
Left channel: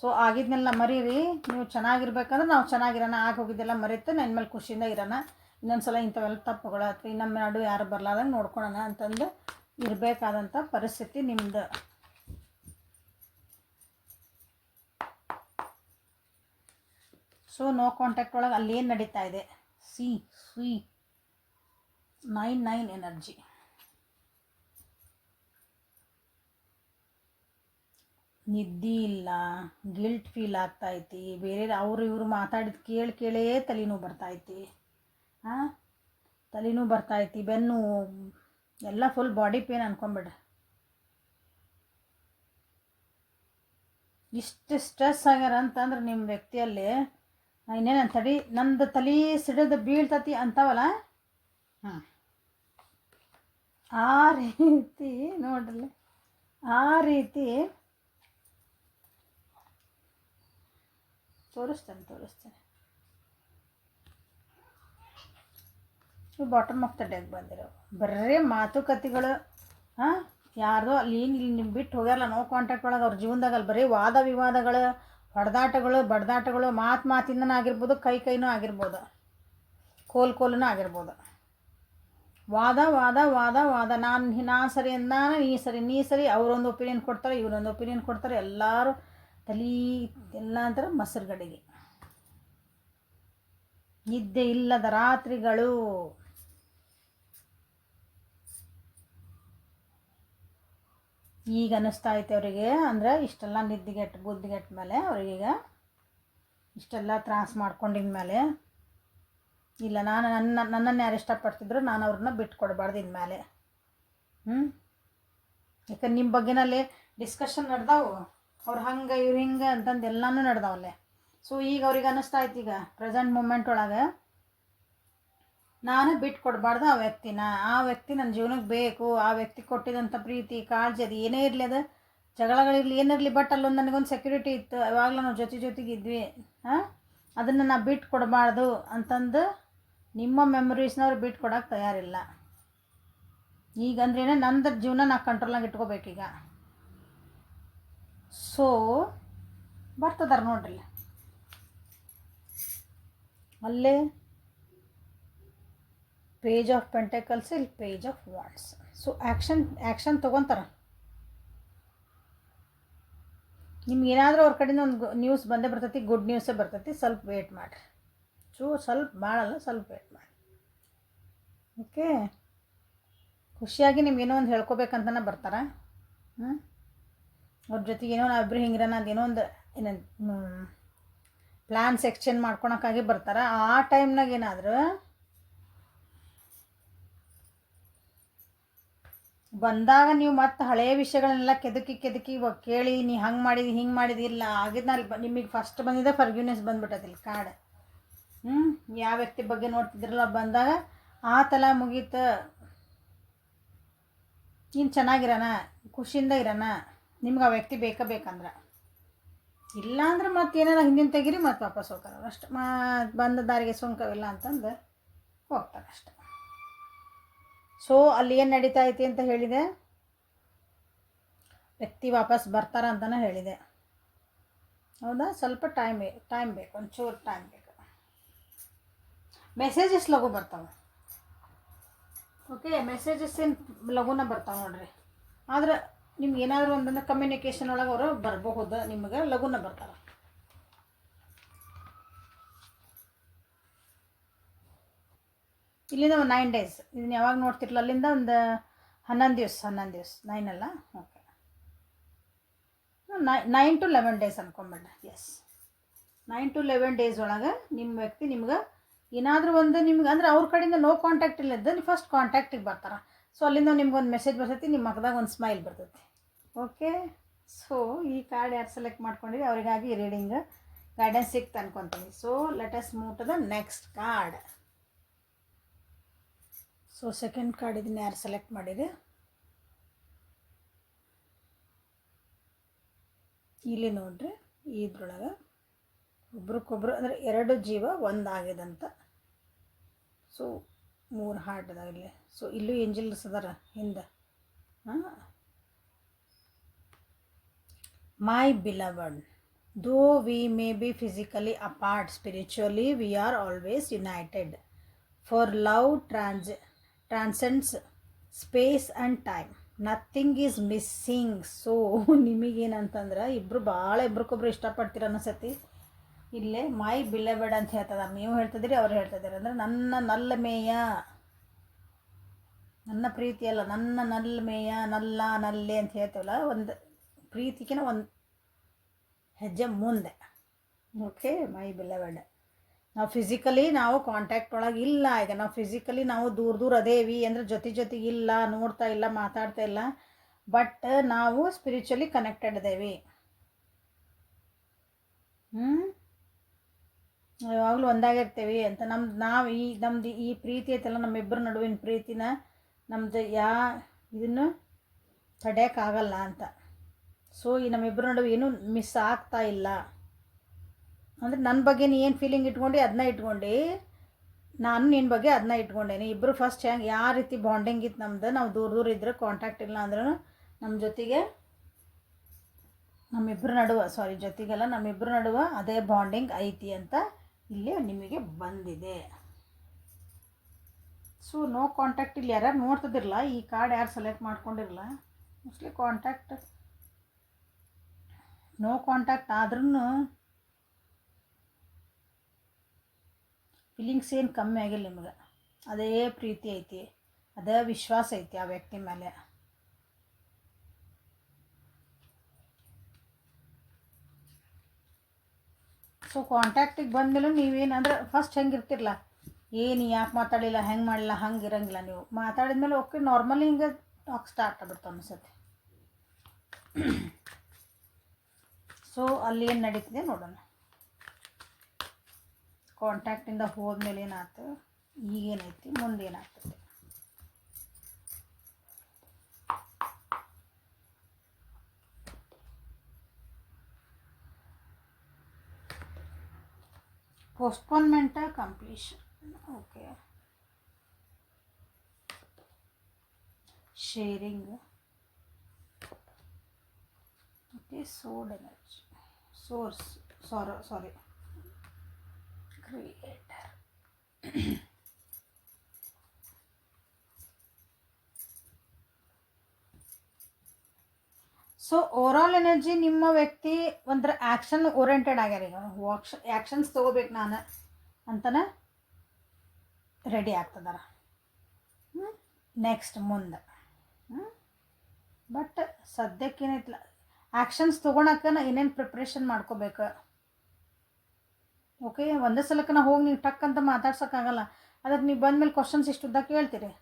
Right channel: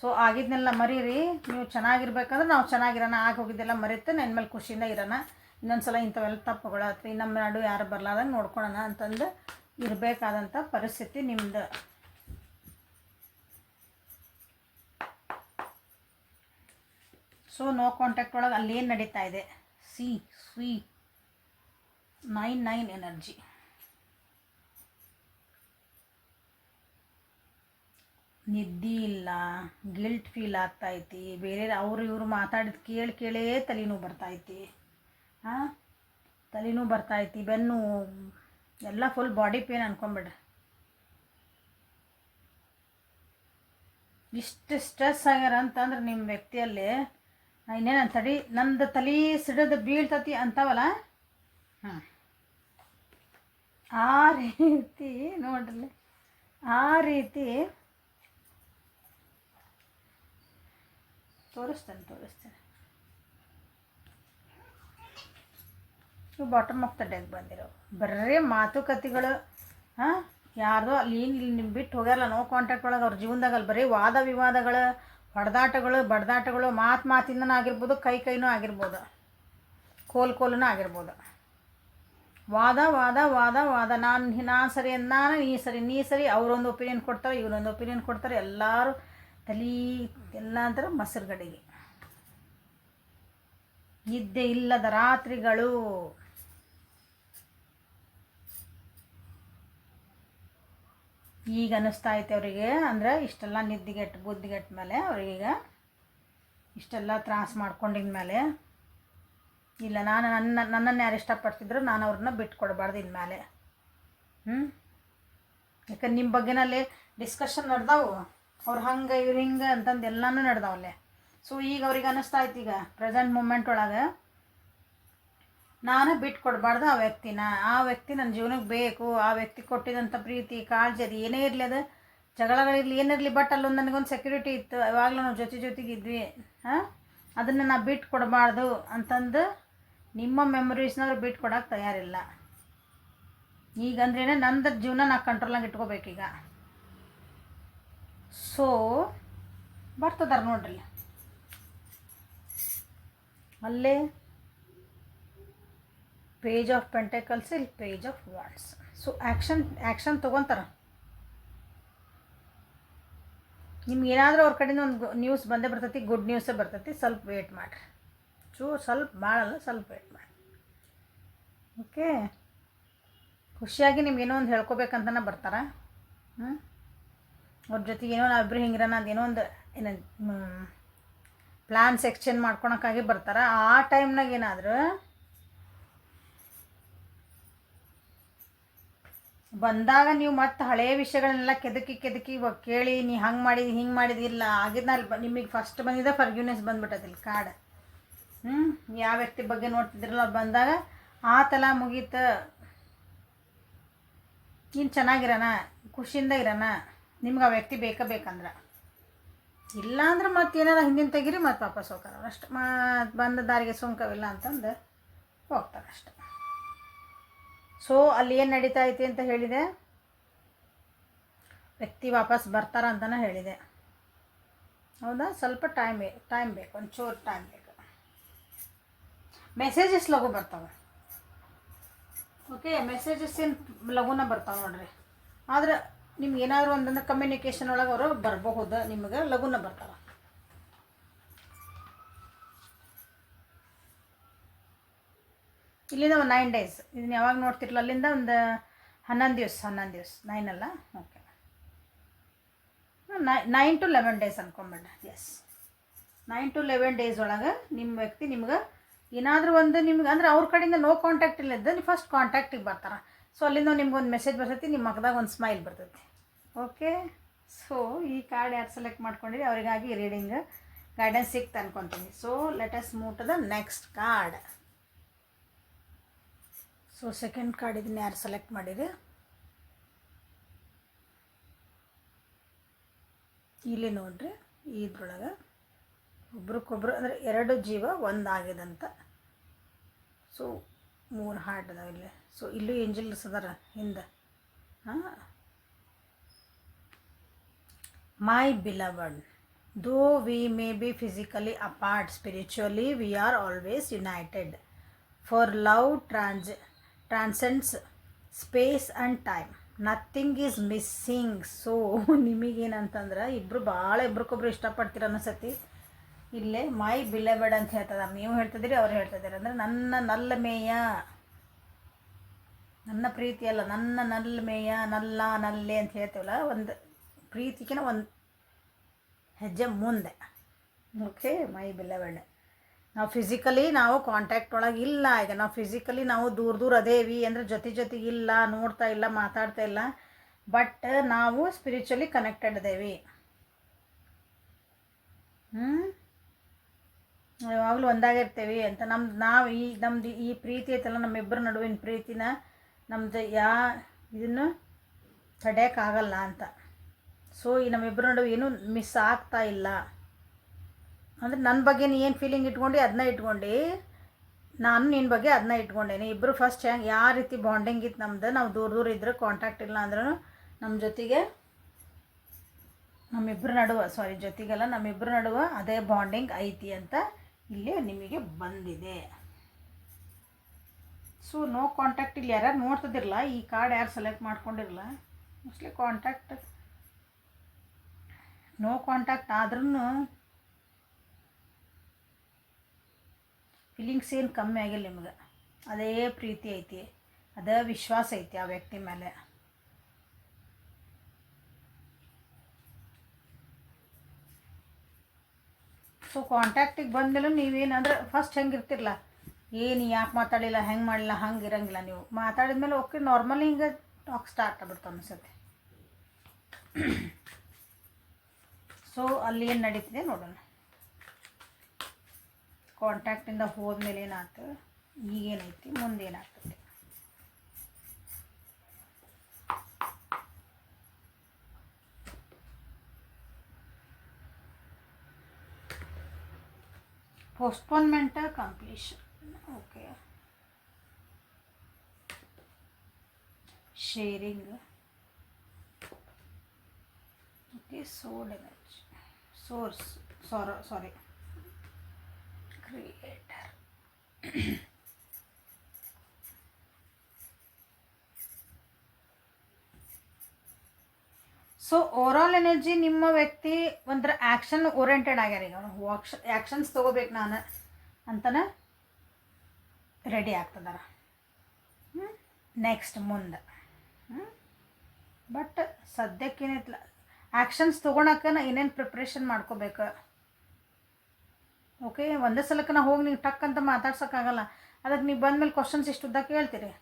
ಸೊ ಆಗಿದ್ದನ್ನೆಲ್ಲ ಮರೀರಿ. ನೀವು ಚೆನ್ನಾಗಿರ್ಬೇಕಂದ್ರೆ ನಾವು ಚೆನ್ನಾಗಿರೋಣ, ಹೋಗಿದ್ದೆಲ್ಲ ಮರೀತೆ ನನ್ನ ಮೇಲೆ ಖುಷಿಯಿಂದ ಇರೋಣ, ಇನ್ನೊಂದು ಸಲ ಇಂಥವೆಲ್ಲ ತಪ್ಪುಗಳು ಅಥವಾ ನಮ್ಮ ನಾಡು ಯಾರು ಬರಲಾರ್ದಂಗೆ ನೋಡ್ಕೊಳ್ಳೋಣ ಅಂತಂದು ಇರಬೇಕಾದಂಥ ಪರಿಸ್ಥಿತಿ ನಿಮ್ಮದು. ಸೊ ನೋ ಕಾಂಟ್ಯಾಕ್ಟ್ ಒಳಗೆ ಅಲ್ಲಿ ಏನು ನಡೀತಾ ಇದೆ, ಸಿ 9 ಎನರ್ಜಿ. ನಿದ್ದೆ ಇಲ್ಲ, ಗಿಲ್ಟ್ ಫೀಲ್ ಆಗ್ತೈತಿ, ಬೇರೆ ಇವರು ಮಾತಾಡಿದ ಕೇಳೇ ತಲೆನೋವು ಬರ್ತೈತಿ, ತಲೆನೋವು ಬರ್ತೈತಿ, ಬೆನ್ನು ಎಲ್ಲ ಫುಲ್ ಬಾಡಿ ಪೇನ್ ಅನ್ಕೊಂಬಿಡ್ರಿ. ಇಷ್ಟು ಸ್ಟ್ರೆಸ್ ಆಗ್ಯಾರ ಅಂತಂದ್ರೆ ನಿಮ್ಮ ವ್ಯಕ್ತಿಯಲ್ಲಿ ಇನ್ನೇನು ನಂದು ತಲೆ ಸಿಡಿದು ಬೀಳ್ತತಿ ಅಂತಾವಲ್ಲ, ಆ ರೀತಿ ನೋಡ್ರಿ, ಆ ರೀತಿ ತೋರಿಸ್ತೇನೆ. ಇವು ಬಾಟಮ್ ಆಫ್ ದ ಡೆಕ್ ಬಂದಿರೋ ಬರೀ ಮಾತುಕತೆಗಳು. ಯಾರ್ದೋ ಅಲ್ಲಿ ಇಲ್ಲಿ ಬಿಟ್ಟು ಹೋಗ್ಯಾರಲ್ಲ ನೋ ಕಾಂಟ್ಯಾಕ್ಟ್ ಒಳಗೆ, ಅವ್ರ ಜೀವನದಾಗ ಅಲ್ಲಿ ಬರೀ ವಾದ ವಿವಾದಗಳು, ಹೊಡೆದಾಟಗಳು, ಬಡ್ದಾಟಗಳು, ಮಾತಿಂದನೂ ಆಗಿರ್ಬೋದು, ಕೈನೂ ಆಗಿರ್ಬೋದು, ಕೋಲೂ ಆಗಿರ್ಬೋದು. ವಾದ ನಾನು ಸರಿ ನಾನು ನೀ ಸರಿ, ಅವರೊಂದು ಒಪಿನಿಯನ್ ಕೊಡ್ತಾರೆ, ಇವರೊಂದು ಒಪಿನಿಯನ್ ಕೊಡ್ತಾರೆ, ಎಲ್ಲರೂ ಎಲ್ಲ ಅಂತಾರೆ ಮೊಸರುಗಡೆಗೆ. ನಿದ್ದೆ ಇಲ್ಲದ ರಾತ್ರಿಗಳು. ಈಗ ಅನ್ನಿಸ್ತಾ ಐತೆ ಅವರಿಗೆ, ಅಂದರೆ ಇಷ್ಟೆಲ್ಲ ನಿದ್ದೆಗೆಟ್ಟು ಬುದ್ಧಿಗೆಟ್ಟ ಮೇಲೆ ಅವ್ರಿಗೀಗ ಇಷ್ಟೆಲ್ಲ ತ್ರಾಸ ಮಾಡ್ಕೊಂಡಿದ ಮೇಲೆ ಇಲ್ಲ, ನಾನು ನನ್ನನ್ನು ಯಾರು ಇಷ್ಟಪಡ್ತಿದ್ರು ನಾನು ಅವ್ರನ್ನ ಬಿಟ್ಕೊಡ್ಬಾರ್ದು ಇನ್ಮೇಲೆ. ಯಾಕಂದ್ರೆ ನಿಮ್ಮ ಬಗ್ಗೆನಲ್ಲೇ ಡಿಸ್ಕಷನ್ ನಡೆದಾವು, ಅವ್ರು ಹಂಗೆ ಇವ್ರು ಹಿಂಗೆ ಅಂತಂದು ಎಲ್ಲನೂ ನಡೆದಾವಲ್ಲೇ. ಸೊ ಈಗ ಅವ್ರಿಗೆ ಅನ್ನಿಸ್ತಾ ಇತ್ತು, ಈಗ ಪ್ರೆಸೆಂಟ್ ಮೂಮೆಂಟ್ ಒಳಗೆ ನಾನು ಬಿಟ್ಕೊಡ್ಬಾರ್ದು ಆ ವ್ಯಕ್ತಿನ. ಆ ವ್ಯಕ್ತಿ ನನ್ನ ಜೀವನಕ್ಕೆ ಬೇಕು. ಆ ವ್ಯಕ್ತಿ ಕೊಟ್ಟಿದಂಥ ಪ್ರೀತಿ ಕಾಳಜಿ ಅದು ಏನೇ ಇರಲಿ, ಅದು ಜಗಳಗಳಿರಲಿ ಏನಿರಲಿ, ಬಟ್ ಅಲ್ಲೊಂದು ನನಗೊಂದು ಸೆಕ್ಯೂರಿಟಿ ಇತ್ತು. ಯಾವಾಗಲೂ ನಾವು ಜೊತೆಗಿದ್ವಿ. ಅದನ್ನು ನಾನು ಬಿಟ್ಕೊಡ್ಬಾರ್ದು ಅಂತಂದು ನಿಮ್ಮ ಮೆಮೊರೀಸ್ನವ್ರು ಬಿಟ್ಕೊಡೋಕೆ ತಯಾರಿಲ್ಲ. ಈಗಂದ್ರೇ ನಂದು ಜೀವನ ನಾ ಕಂಟ್ರೋಲಾಗಿ ಇಟ್ಕೋಬೇಕೀಗ. ಸೊ ಬರ್ತದಾರ ನೋಡ್ರಿ ಅಲ್ಲೇ ಪೇಜ್ ಆಫ್ ಪೆಂಟಕಲ್ಸ್, ಇಲ್ಲಿ page of wands. So action ತೊಗೊತಾರೆ. ನಿಮ್ಗೆ ಏನಾದರೂ ಅವ್ರ ಕಡೆಯಿಂದ ಒಂದು ನ್ಯೂಸ್ ಬಂದೇ ಬರ್ತೈತಿ, ಗುಡ್ ನ್ಯೂಸೇ ಬರ್ತೈತಿ. ಸ್ವಲ್ಪ ವೇಟ್ ಮಾಡಿರಿ, ಸ್ವಲ್ಪ ಭಾಳಲ್ಲ, ಸ್ವಲ್ಪ ವೇಟ್ ಮಾಡಿ. ಓಕೆ, ಖುಷಿಯಾಗಿ ನಿಮ್ಗೇನೋ ಒಂದು ಹೇಳ್ಕೊಬೇಕಂತನೇ ಬರ್ತಾರೆ. ಅವ್ರ ಜೊತೆಗೆ ಏನೋ ನಾವಿಬ್ಬರು ಹಿಂಗಿರೋಣ ಅದೇನೋ ಒಂದು ಪ್ಲ್ಯಾನ್ಸ್ ಎಕ್ಸ್ಚೇಂಜ್ ಮಾಡ್ಕೊಳಕ್ಕಾಗಿ ಬರ್ತಾರೆ. ಆ ಟೈಮ್ನಾಗ ಏನಾದರೂ ಬಂದಾಗ ನೀವು ಮತ್ತೆ ಹಳೆಯ ವಿಷಯಗಳನ್ನೆಲ್ಲ ಕೆದಕಿ ಕೇಳಿ ನೀ ಹಂಗೆ ಮಾಡಿದಿ ಹಿಂಗೆ ಮಾಡಿದಿಲ್ಲ ಆಗಿದ್ನಲ್ಲಿ ನಿಮಗೆ ಫಸ್ಟ್ ಬಂದಿದ್ದೆ ಫರ್ಗ್ಯೂನೆಸ್ ಬಂದ್ಬಿಟ್ಟದಿಲ್ಲ ಕಾರ್ಡ್. ಯಾವ ವ್ಯಕ್ತಿ ಬಗ್ಗೆ ನೋಡ್ತಿದ್ರಲ್ಲ ಅವ್ರು ಬಂದಾಗ ಆ ತಲ ಮುಗೀತು, ನೀನು ಚೆನ್ನಾಗಿರೋಣ, ಖುಷಿಯಿಂದ ಇರೋಣ, ನಿಮ್ಗೆ ಆ ವ್ಯಕ್ತಿ ಬೇಕಂದ್ರೆ. ಇಲ್ಲ ಅಂದ್ರೆ ಮತ್ತೆ ಏನಾರ ಹಿಂದಿನ ತೆಗೀರಿ ಮತ್ತೆ ವಾಪಸ್ ಹೋಗ್ತಾರೆ ಅಷ್ಟು. ಬಂದ ದಾರಿಗೆ ಸುಂಕವಿಲ್ಲ ಅಂತಂದು ಹೋಗ್ತಾರೆ ಅಷ್ಟೆ. ಸೊ ಅಲ್ಲಿ ಏನು ನಡೀತಾ ಐತಿ ಅಂತ ಹೇಳಿದೆ, ವ್ಯಕ್ತಿ ವಾಪಸ್ ಬರ್ತಾರ ಅಂತಲೇ ಹೇಳಿದೆ. ಹೌದಾ, ಸ್ವಲ್ಪ ಟೈಮ್ ಬೇಕು, ಒಂಚೂರು ಟೈಮ್ ಬೇಕು. ಮೆಸೇಜಸ್ ಲಘು ಬರ್ತಾವೆ. ಓಕೆ, ಮೆಸೇಜಸ್ ಏನು ಲಘುನ ಬರ್ತಾವೆ ನೋಡ್ರಿ. ಆದ್ರೆ ನಿಮ್ಗೆ ಏನಾದರೂ ಒಂದನ್ನು ಕಮ್ಯುನಿಕೇಷನ್ ಒಳಗೆ ಅವರು ಬರಬಹುದು, ನಿಮಗೆ ಲಘುನ ಬರ್ತಾವೆ. ಇಲ್ಲಿಂದ ಒಂದು 9 days, ಇದನ್ನು ಯಾವಾಗ ನೋಡ್ತಿರಲ್ಲ ಅಲ್ಲಿಂದ ಒಂದು 11 ದಿವಸ 9 ಅಲ್ಲ, ಓಕೆ 9 to 11 days ಅನ್ಕೊಂಬೇಡ. ಎಸ್, 9 to 11 days ಒಳಗೆ ನಿಮ್ಮ ವ್ಯಕ್ತಿ ನಿಮ್ಗೆ ಏನಾದರೂ ಒಂದು ನಿಮ್ಗೆ ಅಂದರೆ ಅವ್ರ ಕಡೆಯಿಂದ ನೋ ಕಾಂಟ್ಯಾಕ್ಟ್ ಇಲ್ಲದ ನೀವು ಫಸ್ಟ್ ಕಾಂಟ್ಯಾಕ್ಟಿಗೆ ಬರ್ತಾರೆ. ಸೊ ಅಲ್ಲಿಂದ ನಿಮ್ಗೆ ಒಂದು ಮೆಸೇಜ್ ಬರ್ತೈತಿ, ನಿಮ್ಮ ಮಗದಾಗ ಒಂದು ಸ್ಮೈಲ್ ಬರ್ತೈತಿ. ಓಕೆ, ಸೊ ಈ ಕಾರ್ಡ್ ಯಾರು ಸೆಲೆಕ್ಟ್ ಮಾಡ್ಕೊಂಡಿರಿ ಅವರಿಗಾಗಿ ರೀಡಿಂಗ್ ಗೈಡೆನ್ಸ್ ಸಿಕ್ತು ಅನ್ಕೊತೀನಿ. So let us move to the next card. So second card ಇದನ್ನು ಯಾರು ಸೆಲೆಕ್ಟ್ ಮಾಡಿದೆ, ಇಲ್ಲಿ ನೋಡ್ರಿ. ಇದ್ರೊಳಗೆ ಒಬ್ರಿಗೊಬ್ರು ಅಂದರೆ 2 ಜೀವ ಒಂದಾಗಿದಂತ. ಸೊ 3 ಹಾರ್ಟ್ ಅದಾವ ಇಲ್ಲಿ. ಸೊ ಇಲ್ಲೂ ಏಂಜಲ್ಸ್ ಅದಾರ ಹಿಂದೆ. My beloved, though we may be physically apart, spiritually we are always united. For love transcends space and time, nothing is missing. So ನಿಮಗೇನಂತಂದ್ರೆ ಇಬ್ರಿಗೊಬ್ರು ಇಷ್ಟಪಡ್ತೀರ ಅನಿಸತಿ. ಇಲ್ಲೇ ಮೈ ಬಿಲವಡ್ ಅಂತ ಹೇಳ್ತಿದ್ದಾರೆ, ನೀವು ಹೇಳ್ತಿದ್ದೀರಿ ಅವ್ರು ಹೇಳ್ತಿದ್ದೀರಿ. ಅಂದರೆ ನನ್ನ ನಲ್ಲಮೇಯ, ನನ್ನ ಪ್ರೀತಿ ಅಲ್ಲ, ನನ್ನ ನಲ್ಮೇಯ, ನಲ್ಲೆ ಅಂತ ಹೇಳ್ತೀವಲ್ಲ, ಒಂದು ಪ್ರೀತಿಗಿನ ಒಂದು ಹೆಜ್ಜೆ ಮುಂದೆ. ಓಕೆ, ಮೈ ಬಿಲವಡ್. ನಾವು ಫಿಸಿಕಲಿ ನಾವು ಕಾಂಟ್ಯಾಕ್ಟ್ ಒಳಗೆ ಇಲ್ಲ. ಈಗ ನಾವು ಫಿಸಿಕಲಿ ನಾವು ದೂರ ಅದೇವಿ ಅಂದರೆ ಜೊತೆಗಿಲ್ಲ, ನೋಡ್ತಾ ಇಲ್ಲ, ಮಾತಾಡ್ತಾ ಇಲ್ಲ. ಬಟ್ ನಾವು ಸ್ಪಿರಿಚುವಲಿ ಕನೆಕ್ಟೆಡ್ ಅದೇವಿ. ಯಾವಾಗಲೂ ಒಂದಾಗಿರ್ತೇವೆ ಅಂತ ನಮ್ಮದು ಈ ಪ್ರೀತಿ ಐತಲ್ಲ, ನಮ್ಮಿಬ್ಬರ ನಡುವಿನ ಪ್ರೀತಿನ ನಮ್ಮದು ಇದನ್ನು ತಡೆಯೋಕ್ಕಾಗಲ್ಲ ಅಂತ. ಸೊ ಈ ನಮ್ಮಿಬ್ಬರ ನಡುವೆ ಏನೂ ಮಿಸ್ ಆಗ್ತಾ ಇಲ್ಲ. ಅಂದರೆ ನನ್ನ ಬಗ್ಗೆ ನೀ ಏನು ಫೀಲಿಂಗ್ ಇಟ್ಕೊಂಡು ಅದನ್ನ ಇಟ್ಕೊಂಡು, ನಾನು ನಿನ್ನ ಬಗ್ಗೆ ಅದನ್ನ ಇಟ್ಕೊಂಡೇನೆ. ಇಬ್ಬರು ಫಸ್ಟ್ ಹೆಂಗೆ ಯಾವ ರೀತಿ ಬಾಂಡಿಂಗ್ ಇತ್ತು ನಮ್ದು, ನಾವು ದೂರ ಇದ್ದರೆ ಕಾಂಟ್ಯಾಕ್ಟ್ ಇಲ್ಲ ಅಂದ್ರೂ ನಮ್ಮ ಜೊತೆಗೆ ನಮ್ಮಿಬ್ಬರ ನಡುವೆ ಅದೇ ಬಾಂಡಿಂಗ್ ಐತಿ ಅಂತ ಇಲ್ಲಿ ನಿಮಗೆ ಬಂದಿದೆ. So no contact. ಇಲ್ಲಿ ಯಾರು ನೋಡ್ತಿದ್ದಿರಲ್ಲ, ಈ ಕಾರ್ಡ್ ಯಾರು ಸೆಲೆಕ್ಟ್ ಮಾಡ್ಕೊಂಡಿರಲ್ಲ, ಮೋಸ್ಟ್ಲಿ ನೋ ಕಾಂಟ್ಯಾಕ್ಟ್ ಆದ್ರೂ ಫೀಲಿಂಗ್ಸ್ ಏನು ಕಮ್ಮಿ ಆಗಿಲ್ಲ ನಿಮ್ಗೆ. ಅದೇ ಪ್ರೀತಿ ಐತಿ, ಅದೇ ವಿಶ್ವಾಸ ಐತಿ ಆ ವ್ಯಕ್ತಿ ಮೇಲೆ. ಸೊ ಕಾಂಟ್ಯಾಕ್ಟಿಗೆ ಬಂದಮೇಲೆ ನೀವೇನಂದ್ರೆ ಫಸ್ಟ್ ಹೆಂಗಿರ್ತಿರಲ್ಲ, ಏನು ಯಾಕೆ ಮಾತಾಡಿಲ್ಲ, ಹೆಂಗೆ ಮಾಡಿಲ್ಲ, ಹಂಗೆ ಇರಂಗಿಲ್ಲ. ನೀವು ಮಾತಾಡಿದ್ಮೇಲೆ ಓಕೆ ನಾರ್ಮಲಿ ಹಿಂಗೆ ಟಾಕ್ ಸ್ಟಾರ್ಟ್ ಆಗುತ್ತೆ ಅನಿಸುತ್ತೆ. ಸೊ ಅಲ್ಲಿ ಏನು ನಡೀತಿದೆ ನೋಡೋಣ. ಕಾಂಟ್ಯಾಕ್ಟಿಂದ ಹೋದ್ಮೇಲೆ ಏನಾಯ್ತು, ಈಗೇನೈತಿ, ಮುಂದೆ ಏನಾಗ್ತದೆ. postponement completion, okay, sharing, okay, stored energy, source, sorry, creator. So overall energy ನಿಮ್ಮ ವ್ಯಕ್ತಿ ಒಂಥರ ಆ್ಯಕ್ಷನ್ ಓರಿಯೆಂಟೆಡ್ ಆಗ್ಯಾರ. ಈಗ ಆ್ಯಕ್ಷನ್ಸ್ ತೊಗೋಬೇಕು ನಾನು ಅಂತಲೇ ರೆಡಿ ಆಗ್ತದಾರ. ನೆಕ್ಸ್ಟ್ ಮುಂದೆ ಬಟ್ ಸದ್ಯಕ್ಕೇನೈತಿಲ್ಲ, ಆ್ಯಕ್ಷನ್ಸ್ ತೊಗೊಳಕ್ಕೆ ನಾ ಏನೇನು ಪ್ರಿಪ್ರೇಷನ್ ಮಾಡ್ಕೋಬೇಕು. ಓಕೆ, ಒಂದೇ ಸಲಕ್ಕೆ ನಾ ಹೋಗಿ ನೀವು ಟಕ್ ಅಂತ ಮಾತಾಡ್ಸೋಕ್ಕಾಗಲ್ಲ. ಅದಕ್ಕೆ ನೀವು ಬಂದಮೇಲೆ ಕ್ವಶನ್ಸ್ ಇಷ್ಟು ಉದ್ದ ಕೇಳ್ತೀರಿ.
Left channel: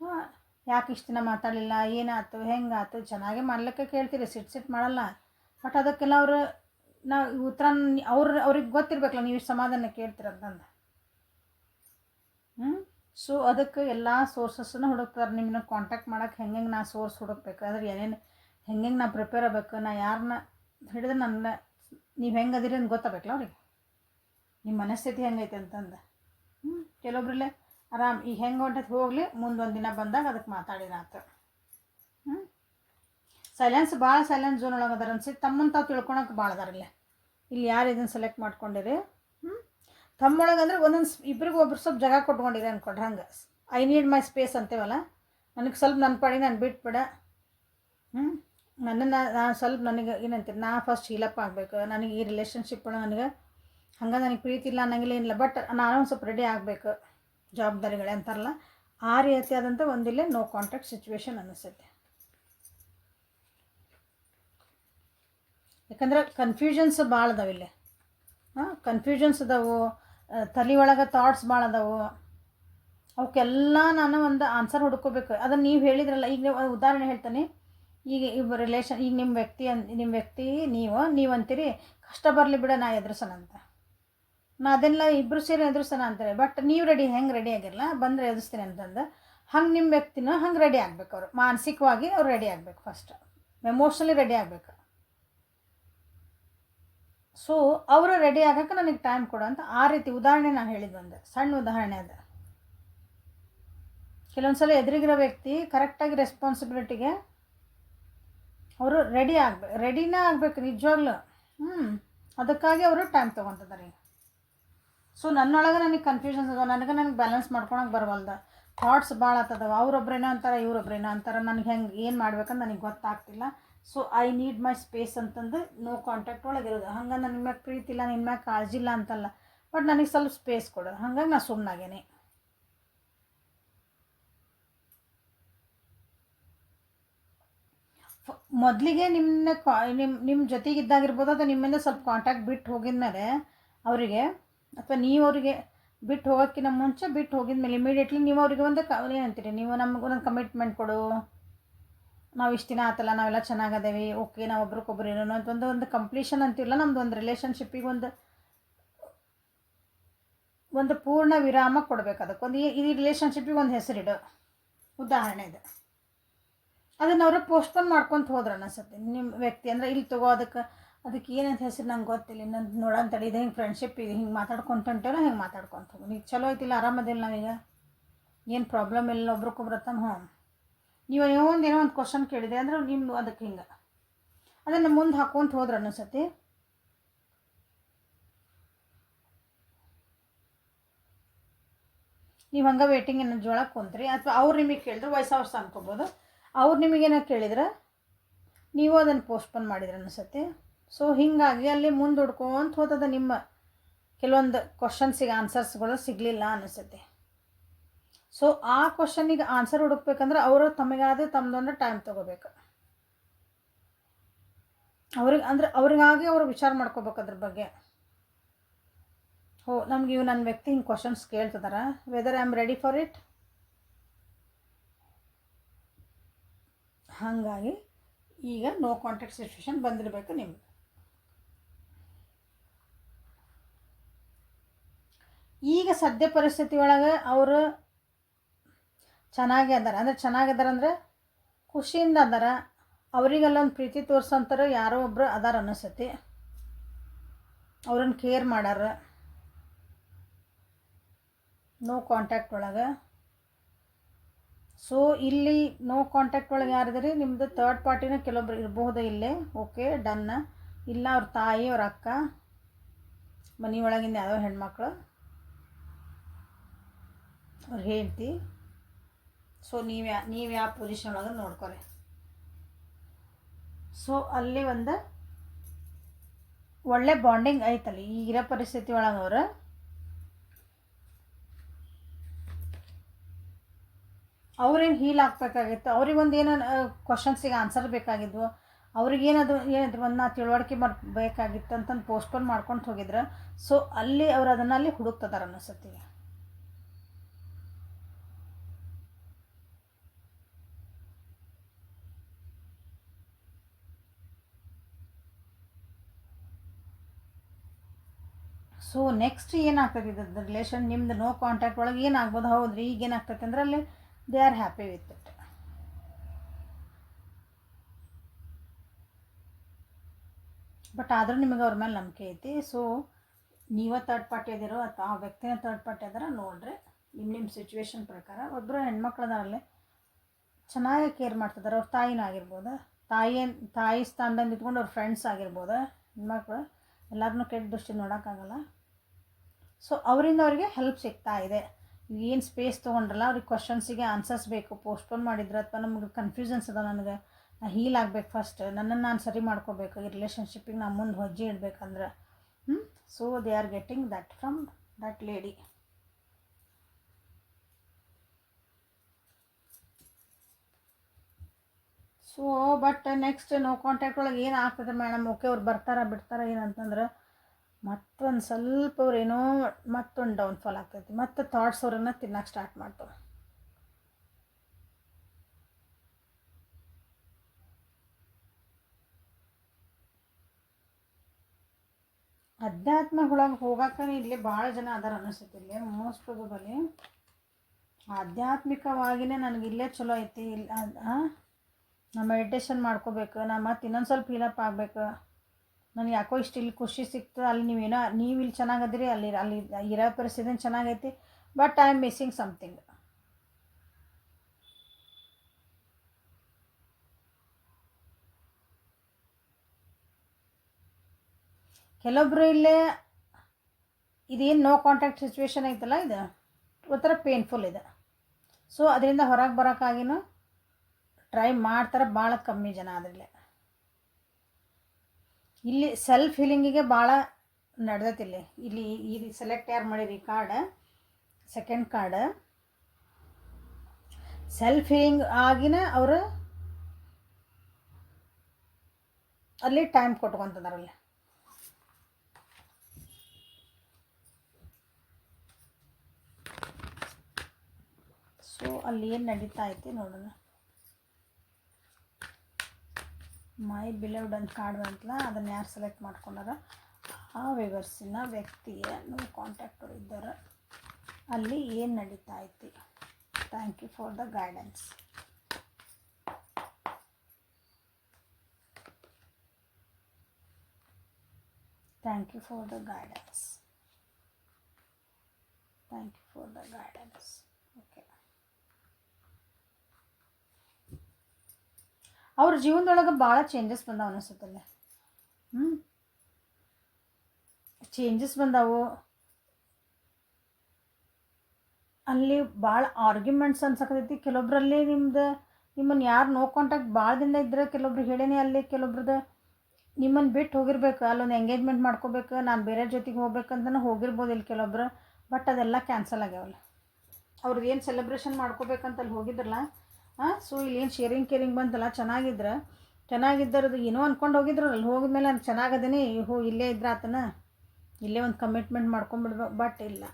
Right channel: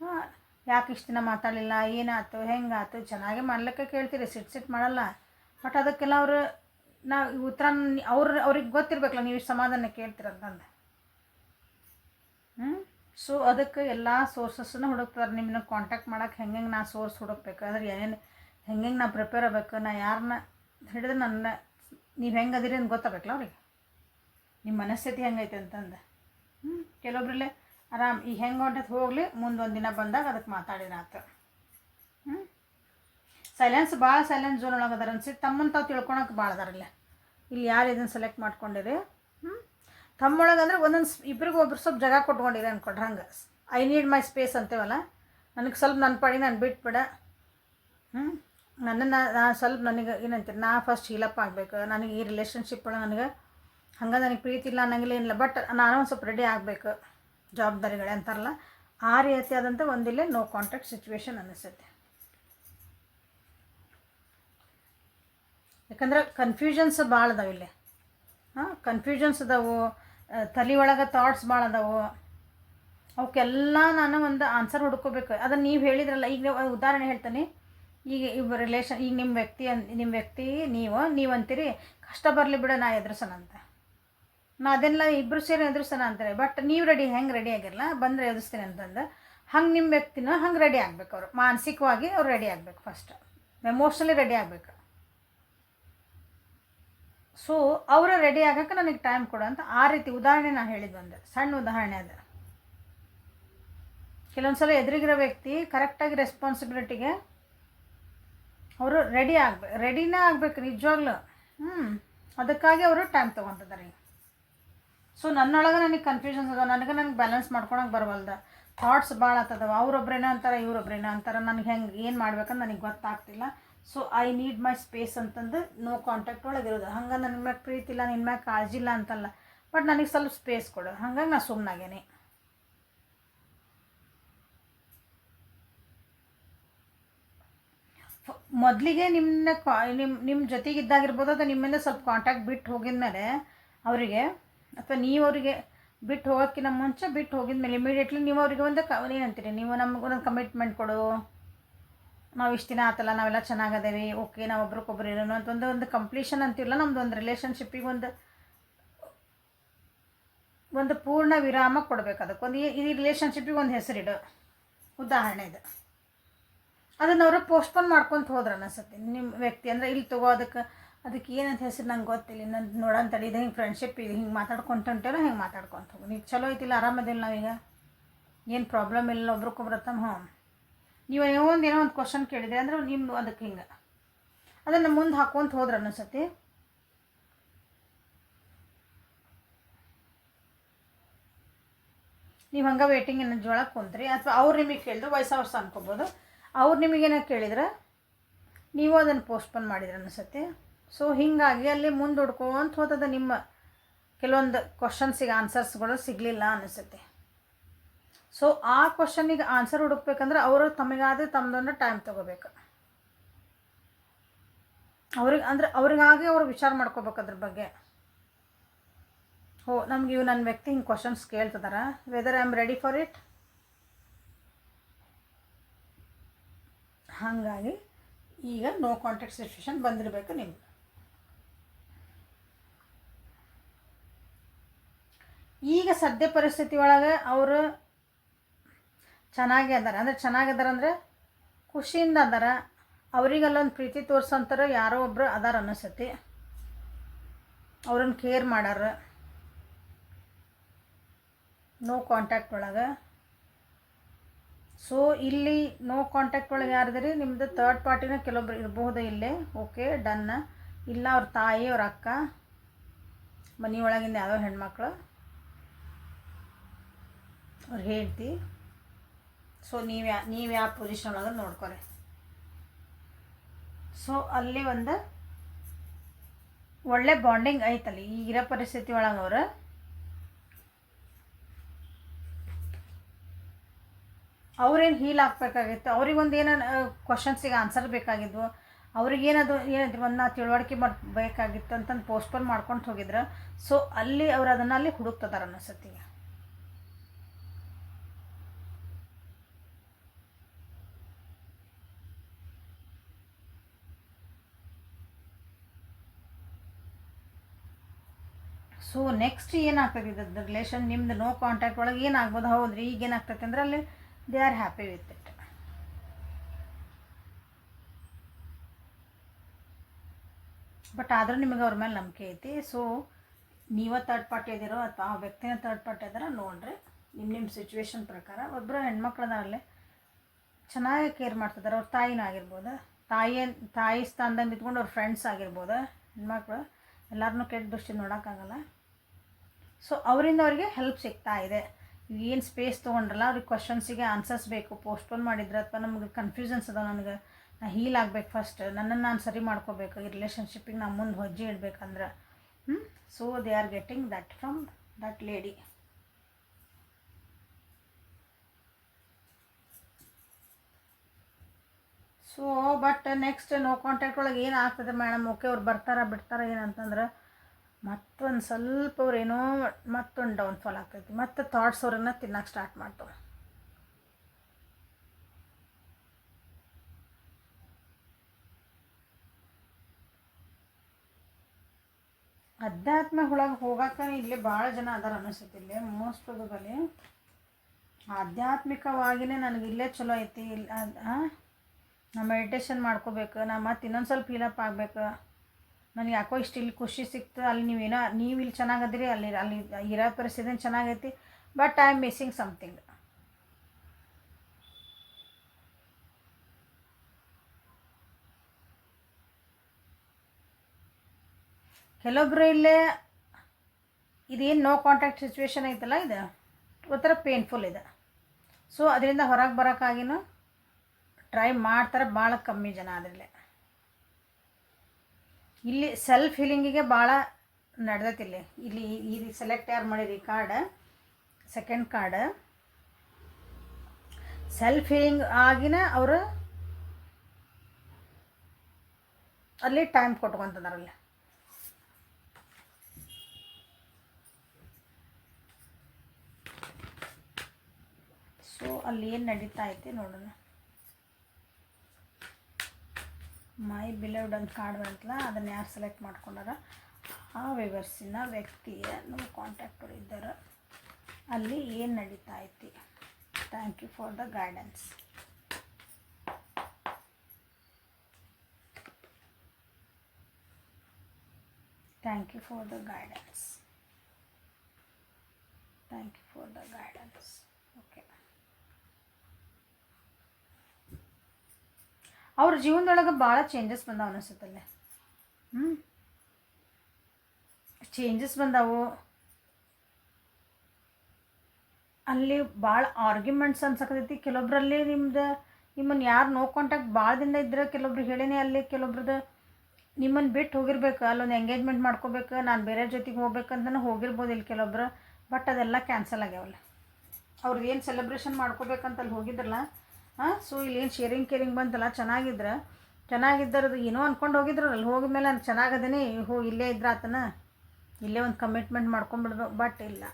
ಹಾಂ, ಯಾಕೆ ಇಷ್ಟು ದಿನ ಮಾತಾಡಲಿಲ್ಲ, ಏನಾಯ್ತು, ಹೆಂಗಾಯ್ತು, ಚೆನ್ನಾಗಿ ಮಾಡ್ಲಿಕ್ಕೆ ಕೇಳ್ತೀರಿ, ಸಿಟ್ ಮಾಡಲ್ಲ. ಬಟ್ ಅದಕ್ಕೆಲ್ಲ ಅವರು ಉತ್ತರ ಅವ್ರಿಗೆ ಗೊತ್ತಿರ್ಬೇಕಲ್ಲ ನೀವು ಇಷ್ಟು ಸಮಾಧಾನ ಕೇಳ್ತೀರಂತಂದು. ಸೊ ಅದಕ್ಕೆ ಎಲ್ಲ ಸೋರ್ಸಸ್ಸನ್ನು ಹುಡುಕ್ತಾರೆ. ನಿಮ್ಮನ್ನ ಕಾಂಟ್ಯಾಕ್ಟ್ ಮಾಡೋಕ್ಕೆ ಹೆಂಗೆ ನಾ ಸೋರ್ಸ್ ಹುಡುಕ್ಬೇಕು, ಅದ್ರ ಏನೇನು ಹೆಂಗೆ ನಾ ಪ್ರಿಪೇರ್ ಆಗಬೇಕು, ನಾ ಯಾರನ್ನ ಹಿಡಿದ್ರೆ ನನ್ನ ನೀವು ಹೆಂಗೆ ಅದಿರಿ ಅಂತ ಗೊತ್ತಾಗಬೇಕಲ್ಲ ಅವ್ರಿಗೆ, ನಿಮ್ಮ ಮನಸ್ಥಿತಿ ಹೆಂಗೈತೆ ಅಂತಂದು. ಕೆಲವೊಬ್ರಲ್ಲೇ ಆರಾಮ್ ಈಗ ಹೆಂಗೆ ಹೊಂಟೈತೆ ಹೋಗಲಿ, ಮುಂದೊಂದು ದಿನ ಬಂದಾಗ ಅದಕ್ಕೆ ಮಾತಾಡಿದ್ರೆ ಆತು. ಸೈಲೆನ್ಸ್ ಭಾಳ ಸೈಲೆನ್ಸ್ ಝೋನ್ ಒಳಗೆ ಅದಾರ ಅನ್ಸಿತ್ತು. ತಮ್ಮನ್ನು ತಾವು ತಿಳ್ಕೊಳಕ್ಕೆ ಭಾಳ ಅದಾರಲ್ಲ. ಇಲ್ಲಿ ಯಾರು ಇದನ್ನು ಸೆಲೆಕ್ಟ್ ಮಾಡ್ಕೊಂಡಿರಿ, ತಮ್ಮೊಳಗೆ ಅಂದರೆ ಒಂದೊಂದು ಇಬ್ಬರಿಗೂ ಒಬ್ರು ಸ್ವಲ್ಪ ಜಾಗ ಕೊಟ್ಕೊಂಡಿರಿ ಅಂದ್ಕೊಡ್ರಿ. ಹಂಗೆ ಐ ನೀಡ್ ಮೈ ಸ್ಪೇಸ್ ಅಂತೇವಲ್ಲ, ನನಗೆ ಸ್ವಲ್ಪ ನನ್ನ ಪಾಡಿ ನಾನು ಬಿಟ್ಬಿಡ. ನಾ ಸ್ವಲ್ಪ ನನಗೆ ಏನಂತೀರಿ, ನಾ ಫಸ್ಟ್ ಹೀಲಪ್ ಆಗಬೇಕು. ನನಗೆ ಈ ರಿಲೇಷನ್ಶಿಪ್ ಒಳಗೆ ನನಗೆ ಹಂಗೆ ನನಗೆ ಪ್ರೀತಿ ಇಲ್ಲ ಅನ್ನಂಗಿಲ್ಲ, ಏನಿಲ್ಲ. ಬಟ್ ನಾನು ಒಂದು ಸ್ವಲ್ಪ ರೆಡಿ ಆಗಬೇಕು, ಜವಾಬ್ದಾರಿಗಳೇ ಅಂತಾರಲ್ಲ ಆ ರೀತಿಯಾದಂಥ ಒಂದಿಲ್ಲೇ ನೋ ಕಾಂಟ್ಯಾಕ್ಟ್ ಸಿಚುವೇಶನ್ ಅನ್ನಿಸುತ್ತೆ. ಯಾಕಂದ್ರೆ ಕನ್ಫ್ಯೂಷನ್ಸ್ ಭಾಳ ಅದಾವಿಲ್ಲಿ. ಕನ್ಫ್ಯೂಷನ್ಸ್ ಅದಾವು, ತಲೆ ಒಳಗೆ ಥಾಟ್ಸ್ ಭಾಳ ಅದಾವು. ಅವಕ್ಕೆಲ್ಲ ನಾನು ಒಂದು ಆನ್ಸರ್ ಹುಡ್ಕೋಬೇಕು. ಅದನ್ನು ನೀವು ಹೇಳಿದ್ರಲ್ಲ, ಈಗ ಉದಾಹರಣೆ ಹೇಳ್ತೀನಿ. ಈಗ ರಿಲೇಷನ್, ಈಗ ನಿಮ್ಮ ವ್ಯಕ್ತಿ ನೀವು ಅಂತೀರಿ ಕಷ್ಟ ಬರಲಿ ಬಿಡ ನಾ ಎದುರಿಸೋಣ ಅಂತ. ನಾ ಅದೆಲ್ಲ ಇಬ್ಬರು ಸೇರಿ ಎದುರಿಸೋಣ ಅಂತಾರೆ. ಬಟ್ ನೀವು ಹೆಂಗೆ ರೆಡಿ ಆಗಿರಲ್ಲ, ಬಂದರೆ ಎದುರಿಸ್ತೀನಿ ಅಂತಂದು ಹಂಗೆ ನಿಮ್ಮ ವ್ಯಕ್ತಿನೂ ಹಂಗೆ ರೆಡಿ ಆಗಬೇಕು. ಅವರು ಮಾನಸಿಕವಾಗಿ ಅವ್ರು ರೆಡಿ ಆಗಬೇಕು, ಫಸ್ಟ್ ಎಮೋಷ್ನಲಿ ರೆಡಿ ಆಗಬೇಕು. ಸೊ ಅವರು ರೆಡಿ ಆಗೋಕ್ಕೆ ನನಗೆ ಟೈಮ್ ಕೊಡು ಅಂತ ಆ ರೀತಿ ಉದಾಹರಣೆ ನಾನು ಹೇಳಿದ್ದೊಂದು ಸಣ್ಣ ಉದಾಹರಣೆ ಅದು. ಕೆಲವೊಂದು ಸಲ ಎದುರಿಗಿರೋ ವ್ಯಕ್ತಿ ಕರೆಕ್ಟಾಗಿ ರೆಸ್ಪಾನ್ಸಿಬಿಲಿಟಿಗೆ ಅವರು ರೆಡಿನೇ ಆಗಬೇಕು ನಿಜವಾಗ್ಲೂ. ಅದಕ್ಕಾಗಿ ಅವರು ಟೈಮ್ ತೊಗೊತಿದ್ದಾರೆ. ಸೊ ನನ್ನೊಳಗೆ ನನಗೆ ಕನ್ಫ್ಯೂಷನ್ಸ್ ಅದಾವೆ, ನನಗೆ ಬ್ಯಾಲೆನ್ಸ್ ಮಾಡ್ಕೊಳಕ್ಕೆ ಬರವಲ್ದ. ಥಾಟ್ಸ್ ಭಾಳ ಆಗ್ತದವ, ಅವ್ರೊಬ್ರೇನೋ ಅಂತಾರೆ, ಇವ್ರೊಬ್ರೇನೋ ಅಂತಾರೆ. ನನಗೆ ಹೆಂಗೆ ಏನು ಮಾಡ್ಬೇಕಂತ ನನಗೆ ಗೊತ್ತಾಗ್ತಿಲ್ಲ. So I need my space ಅಂತಂದು ನೋ ಕಾಂಟ್ಯಾಕ್ಟ್ ಒಳಗಿರೋದು. ಹಂಗೆ ನನಗೆ ಮ್ಯಾಗ ಪ್ರೀತಿ ಇಲ್ಲ, ನಿನ್ನ ಮ್ಯಾಗ ಕಾಳಜಿ ಇಲ್ಲ ಅಂತಲ್ಲ, ಬಟ್ ನನಗೆ ಸ್ವಲ್ಪ ಸ್ಪೇಸ್ ಕೊಡು. ಹಂಗಾಗಿ ನಾನು ಸುಮ್ಮನಾಗೇನೆ. ಮೊದಲಿಗೆ ನಿಮ್ಮ ಜೊತೆಗಿದ್ದಾಗಿರ್ಬೋದು, ಅದು ನಿಮ್ಮಿಂದ ಸ್ವಲ್ಪ ಕಾಂಟ್ಯಾಕ್ಟ್ ಬಿಟ್ಟು ಹೋಗಿದ್ಮೇಲೆ ಅವರಿಗೆ, ಅಥವಾ ನೀವು ಅವರಿಗೆ ಬಿಟ್ಟು ಹೋಗೋಕ್ಕಿಂತ ಮುಂಚೆ, ಬಿಟ್ಟು ಹೋಗಿದ್ಮೇಲೆ ಇಮಿಡಿಯೇಟ್ಲಿ ನೀವು ಅವರಿಗೆ ಒಂದು ಏನಂತೀರಿ, ನೀವು ನಮಗೊಂದು ಕಮಿಟ್ಮೆಂಟ್ ಕೊಡು, ನಾವು ಇಷ್ಟು ದಿನ ಆತಲ್ಲ, ನಾವೆಲ್ಲ ಚೆನ್ನಾಗದೇವಿ, ಓಕೆ ನಾವು ಒಬ್ರಿಗೊಬ್ರು ಇರೋಣ ಅಂತ ಒಂದು ಕಂಪ್ಲೀಷನ್ ಅಂತಿಲ್ಲ. ನಮ್ಮದು ಒಂದು ರಿಲೇಷನ್ಶಿಪ್ಪಿಗೆ ಒಂದು ಪೂರ್ಣ ವಿರಾಮ ಕೊಡಬೇಕು. ಅದಕ್ಕೊಂದು ಈ ರಿಲೇಷನ್ಶಿಪ್ಪಿಗೆ ಒಂದು ಹೆಸರಿಡು, ಉದಾಹರಣೆ ಇದು. ಅದನ್ನು ಅವರು ಪೋಸ್ಟ್ಪೋನ್ ಮಾಡ್ಕೊತ ಹೋದ್ರೆ ಅನಿಸುತ್ತೆ ನಿಮ್ಮ ವ್ಯಕ್ತಿ. ಅಂದರೆ ಇಲ್ಲಿ ತಗೋ, ಅದಕ್ಕೆ ಏನಂತ ಹೆಸರು ನಂಗೆ ಗೊತ್ತಿಲ್ಲ, ನಾನು ನೋಡೋಣ ತಡಿ, ಇದು ಹಿಂಗೆ ಫ್ರೆಂಡ್ಶಿಪ್ ಇದೆ, ಹಿಂಗೆ ಮಾತಾಡ್ಕೊಂತೇನೋ ಹಿಂಗೆ ಮಾತಾಡ್ಕೊತ ಹೋಗು. ನೀವು ಚಲೋ ಐತಿಲ್ಲ, ಆರಾಮದಿಲ್ಲ, ನಾವೀಗ ಏನು ಪ್ರಾಬ್ಲಮ್ ಇಲ್ಲ, ಒಬ್ರಿಗೊಬ್ರು ಹ್ಞೂ. ನೀವು ಏನೋ ಒಂದು ಕ್ವಶನ್ ಕೇಳಿದೆ ಅಂದ್ರೆ ನಿಮ್ಮ ಅದಕ್ಕೆ ಹಿಂಗೆ ಅದನ್ನು ಮುಂದೆ ಹಾಕ್ಕೊಂತ ಹೋದ್ರೆ ಅನಿಸತಿ. ನೀವು ಹಂಗೆ ವೇಟಿಂಗ್ ಎನರ್ಜಿ ಒಳಗೆ ಕುಂತ್ರಿ, ಅಥವಾ ಅವ್ರು ನಿಮಗೆ ಕೇಳಿದ್ರೆ ವಯಸ್ಸಾವರ್ಸ ಅನ್ಕೋಬೋದು. ಅವ್ರು ನಿಮಗೇನೋ ಕೇಳಿದ್ರೆ ನೀವು ಅದನ್ನು ಪೋಸ್ಟ್ಪೋನ್ ಮಾಡಿದ್ರೆ ಅನಿಸತ್ತೆ. ಸೊ ಹೀಗಾಗಿ ಅಲ್ಲಿ ಮುಂದೆ ಹುಡ್ಕೊಂತ ಹೋದದ ನಿಮ್ಮ ಕೆಲವೊಂದು ಕ್ವಶನ್ಸಿಗೆ ಆನ್ಸರ್ಸ್ಗಳು ಸಿಗಲಿಲ್ಲ ಅನಿಸುತ್ತೆ. ಸೊ ಆ ಕ್ವಶನಿಗೆ ಆನ್ಸರ್ ಹುಡುಕ್ಬೇಕಂದ್ರೆ ಅವರು ತಮಗಾದ ತಮ್ಮದೊಂದು ಟೈಮ್ ತೊಗೋಬೇಕು. ಅವ್ರಿಗಾಗಿ ಅವ್ರು ವಿಚಾರ ಮಾಡ್ಕೋಬೇಕು ಅದ್ರ ಬಗ್ಗೆ. ನಮ್ಗೆ ಇವು ನನ್ನ ವ್ಯಕ್ತಿ ಹಿಂಗೆ ಕ್ವಶನ್ಸ್ ಕೇಳ್ತಿದಾರ, whether I am ready for it. ಹಾಗಾಗಿ ಈಗ ನೋ ಕಾಂಟ್ಯಾಕ್ಟ್ ಸಿಚುವೇಶನ್ ಬಂದಿರಬೇಕು ನಿಮ್ಗೆ. ಈಗ ಸದ್ಯ ಪರಿಸ್ಥಿತಿ ಒಳಗೆ ಅವರು ಚೆನ್ನಾಗಿದ್ದಾರೆ ಅಂದರೆ ಖುಷಿಯಿಂದ ಅದಾರ. ಅವ್ರಿಗೆಲ್ಲೊಂದು ಪ್ರೀತಿ ತೋರ್ಸಂತಾರೆ ಯಾರೋ ಒಬ್ಬರು ಅದಾರ ಅನಿಸತಿ, ಅವ್ರನ್ನ ಕೇರ್ ಮಾಡಾರ. ನೋ ಕಾಂಟ್ಯಾಕ್ಟ್ ಒಳಗೆ. ಸೊ ಇಲ್ಲಿ ನೋ ಕಾಂಟ್ಯಾಕ್ಟ್ ಒಳಗೆ ಯಾರಿದ್ರಿ, ನಿಮ್ಮದು ಥರ್ಡ್ ಪಾರ್ಟಿನ ಕೆಲವೊಬ್ರು ಇರ್ಬೋದು ಇಲ್ಲೇ. ಓಕೆ, ಡನ್ನ. ಇಲ್ಲ ಅವ್ರ ತಾಯಿ, ಅವ್ರ ಅಕ್ಕ, ಮನೆಯೊಳಗಿಂದ ಯಾವುದೋ ಹೆಣ್ಮಕ್ಳು, ಅವ್ರು ಹೇಳ್ತಿ. ಸೊ ನೀವು ಯಾವ ಪೊಸಿಷನ್ ಒಳಗೆ ನೋಡ್ಕೊರಿ. ಸೊ ಅಲ್ಲಿ ಒಂದು ಒಳ್ಳೆ ಬಾಂಡಿಂಗ್ ಐತಲ್ಲಿ ಈಗಿರೋ ಪರಿಸ್ಥಿತಿ ಒಳಗೆ. ಅವ್ರೇನು ಹೀಲ್ ಆಗ್ಬೇಕಾಗಿತ್ತು, ಅವ್ರಿಗೊಂದು ಏನೋ ಕ್ವಶನ್ಸಿಗೆ ಆನ್ಸರ್ ಬೇಕಾಗಿದ್ವು, ಅವ್ರಿಗೇನದು ಒಂದು ತಿಳುವಳಿಕೆ ಬೇಕಾಗಿತ್ತು ಅಂತಂದು ಪೋಸ್ಟ್ಪೋನ್ ಮಾಡ್ಕೊಂಡು ಹೋಗಿದ್ರು. ಸೊ ಅಲ್ಲಿ ಅವ್ರು ಅದನ್ನು ಅಲ್ಲಿ ಹುಡುಕ್ತದಾರ ಅನಿಸತಿ. ಸೊ ನೆಕ್ಸ್ಟ್ ಏನಾಗ್ತದೆ ಇದ್ದು ರಿಲೇಷನ್ ನಿಮ್ದು ನೋ ಕಾಂಟ್ಯಾಕ್ಟ್ ಒಳಗೆ ಏನಾಗ್ಬೋದು. ಹೌದ್ರಿ, ಈಗ ಏನಾಗ್ತೈತೆ ಅಂದ್ರೆ ಅಲ್ಲಿ they are happy with it. But ಆದರೂ ನಿಮಗೆ ಅವ್ರ ಮೇಲೆ ನಂಬಿಕೆ ಐತಿ. ಸೊ ನೀವೇ ಥರ್ಡ್ ಪಾರ್ಟಿ ಅದಿರೋ ಅಥವಾ ಆ ವ್ಯಕ್ತಿನ ಥರ್ಡ್ ಪಾರ್ಟಿ ಅದಾರ ನೋಡ್ರಿ. ನಿಮ್ಮ ಸಿಚುವೇಶನ್ ಪ್ರಕಾರ ಒಬ್ಬರು ಹೆಣ್ಮಕ್ಳು ಅದಾರಲ್ಲಿ ಚೆನ್ನಾಗಿ ಕೇರ್ ಮಾಡ್ತಿದ್ದಾರೆ. ಅವ್ರ ತಾಯಿನ ಆಗಿರ್ಬೋದು, ತಾಯಿ ಸ್ಥಾನದಾಗ ನಿಂತ್ಕೊಂಡು ಅವ್ರ ಫ್ರೆಂಡ್ಸ್ ಆಗಿರ್ಬೋದು. ಹೆಣ್ಮಕ್ಳು ಎಲ್ಲರನ್ನೂ ಕೆಟ್ಟ ದೃಷ್ಟಿ ನೋಡೋಕ್ಕಾಗಲ್ಲ. ಸೊ ಅವರಿಂದ ಅವ್ರಿಗೆ ಹೆಲ್ಪ್ ಸಿಗ್ತಾ ಇದೆ. ಏನು ಸ್ಪೇಸ್ ತೊಗೊಂಡ್ರಲ್ಲ, ಅವ್ರಿಗೆ ಕ್ವಶನ್ಸಿಗೆ ಆನ್ಸರ್ಸ್ ಬೇಕು. ಪೋಸ್ಟ್ಪೋನ್ ಮಾಡಿದ್ರೆ ಅಥವಾ ನಮಗೆ ಕನ್ಫ್ಯೂಷನ್ಸ್ ಅದ, ನನಗೆ ನಾ ಹೀಲ್ ಆಗಬೇಕು, ಫಸ್ಟ್ ನನ್ನನ್ನು ನಾನು ಸರಿ ಮಾಡ್ಕೋಬೇಕು, ಈ ರಿಲೇಷನ್ಶಿಪ್ಪಿಗೆ ನಾನು ಮುಂದೆ ಹೆಜ್ಜೆ ಇಡಬೇಕಂದ್ರೆ. So they are getting that from that lady. So but next no contact ಒಳಗೆ ಏನು ಆಗ್ತದೆ ಮೇಡಮ್, ಓಕೆ ಅವ್ರು ಬರ್ತಾರ ಬಿಡ್ತಾರ ಏನಂತಂದ್ರೆ ಮತ್ತೊಂದು ಸ್ವಲ್ಪ ಅವ್ರು ಏನೋ ಮತ್ತೊಂದು ಡೌನ್ಫಾಲ್ ಆಗ್ತೈತಿ. ಮತ್ತು ಥಾಟ್ಸ್ ಅವ್ರನ್ನ ತಿನ್ನಕ್ಕೆ ಸ್ಟಾರ್ಟ್ ಮಾಡ್ತವೆ. ಅಧ್ಯಾತ್ಮ ಒಳಗೆ ಹೋಗಕ್ಕೆ ಇಲ್ಲಿ ಭಾಳ ಜನ ಅದಾರ ಅನಿಸುತ್ತೆ. ಇಲ್ಲೇ ಮೋಸ್ಟ್ ಪ್ರಾಬಬಲಿ ಆಧ್ಯಾತ್ಮಿಕವಾಗಿಯೇ ನನಗೆ ಇಲ್ಲೇ ಚಲೋ ಐತಿ. ಇಲ್ಲ ನಾ ಮೆಡಿಟೇಷನ್ ಮಾಡ್ಕೋಬೇಕು, ನಾ ಮತ್ತು ಇನ್ನೊಂದು ಸ್ವಲ್ಪ ಫೀಲಪ್ ಆಗಬೇಕು, ನನಗೆ ಯಾಕೋ ಇಷ್ಟು ಇಲ್ಲಿ ಖುಷಿ ಸಿಕ್ತು. ಅಲ್ಲಿ ನೀವು ಇಲ್ಲಿ ಚೆನ್ನಾಗದಿರಿ, ಅಲ್ಲಿ ಇರೋ ಪರಿಸ್ಥಿತಿ ಚೆನ್ನಾಗೈತಿ, but I am missing something. ಕೆಲವೊಬ್ಬರು ಇಲ್ಲೇ ಇದೇನು ನೋ ಕಾಂಟ್ಯಾಕ್ಟ್ ಸಿಚುವೇಶನ್ ಐತಲ್ಲ, ಇದು ಒಂಥರ ಪೇನ್ಫುಲ್ ಇದೆ. ಸೊ ಅದರಿಂದ ಹೊರಗೆ ಬರೋಕ್ಕಾಗಿನೂ ಟ್ರೈ ಮಾಡ್ತಾರೆ ಭಾಳ ಕಮ್ಮಿ ಜನ. ಅದರಲ್ಲೇ ಇಲ್ಲಿ ಸೆಲ್ಫ್ ಹೀಲಿಂಗಿಗೆ ಭಾಳ ನಡೆದೈತಿಲ್ಲಿ. ಇಲ್ಲಿ ಸೆಲೆಕ್ಟ್ ಯಾರು ಮಾಡಿರಿ card, second card self healing ಆಗಿನ ಅವರು ಅಲ್ಲಿ ಟೈಮ್ ಕೊಟ್ಕೊತದಾರಲ್ಲಿ. ಸೊ ಅಲ್ಲಿ ಏನು ನಡೀತಾ ಐತಿ ನೋಡೋಣ. ಮೈ ಬಿಲವ್ಡ್ ಅಂತ ಕಾರ್ಡ್ ಬಂತಲ್ಲ, ಅದನ್ನು ಯಾರು ಸೆಲೆಕ್ಟ್ ಮಾಡ್ಕೊಂಡಾರ ಆ ವ್ಯವಸ್ಥಿನ ವ್ಯಕ್ತಿಯ ನೀವು ಕಾಂಟ್ಯಾಕ್ಟರ್ ಇದ್ದಾರೆ, ಅಲ್ಲಿ ಏನು ನಡೀತಾ ಐತಿ. Thank you for the guidance. Thank you for the guidance. Thank you for the guidance. Okay, ಅವ್ರ ಜೀವನದೊಳಗೆ ಭಾಳ ಚೇಂಜಸ್ ಬಂದಾವ ಅನಿಸುತ್ತಲ್ಲೇ. ಚೇಂಜಸ್ ಬಂದಾವು. ಅಲ್ಲಿ ಭಾಳ ಆರ್ಗ್ಯುಮೆಂಟ್ಸ್ ಅನ್ಸಕತೈತಿ. ಕೆಲವೊಬ್ಬರಲ್ಲಿ ನಿಮ್ಮನ್ನು ಯಾರು ನೋ ಕಾಂಟ್ಯಾಕ್ಟ್ ಭಾಳ ದಿನ ಇದ್ದರೆ ಕೆಲವೊಬ್ರು ಹೇಳೇನೆ, ಅಲ್ಲಿ ಕೆಲವೊಬ್ರದ್ದು ನಿಮ್ಮನ್ನು ಬಿಟ್ಟು ಹೋಗಿರ್ಬೇಕು, ಅಲ್ಲೊಂದು ಎಂಗೇಜ್ಮೆಂಟ್ ಮಾಡ್ಕೋಬೇಕು, ನಾನು ಬೇರೆ ಜೊತೆಗೆ ಹೋಗ್ಬೇಕಂತಲೇ ಹೋಗಿರ್ಬೋದು ಇಲ್ಲಿ ಕೆಲವೊಬ್ರು. ಬಟ್ ಅದೆಲ್ಲ ಕ್ಯಾನ್ಸಲ್ ಆಗ್ಯಾವಲ್ಲ. ಅವ್ರದ್ದು ಏನು ಸೆಲೆಬ್ರೇಷನ್ ಮಾಡ್ಕೋಬೇಕಂತಲ್ಲಿ ಹೋಗಿದ್ರಲ್ಲ. ಸೊ ಇಲ್ಲಿ ಏನು ಶೇರಿಂಗ್ ಕೇರಿಂಗ್ ಬಂತಲ್ಲ, ಚೆನ್ನಾಗಿದ್ರೆ ಚೆನ್ನಾಗಿದ್ದರದು ಏನೋ ಅಂದ್ಕೊಂಡು ಹೋಗಿದ್ರು ಅಲ್ಲಿ ಹೋಗಿದ ಮೇಲೆ ನಾನು ಚೆನ್ನಾಗದೇನೆ ಇಲ್ಲೇ ಇದ್ರೆ ಆತನ ಇಲ್ಲೇ ಒಂದು ಕಮಿಟ್ಮೆಂಟ್ ಮಾಡ್ಕೊಂಬಿಡ್ದು. ಬಟ್ ಇಲ್ಲ,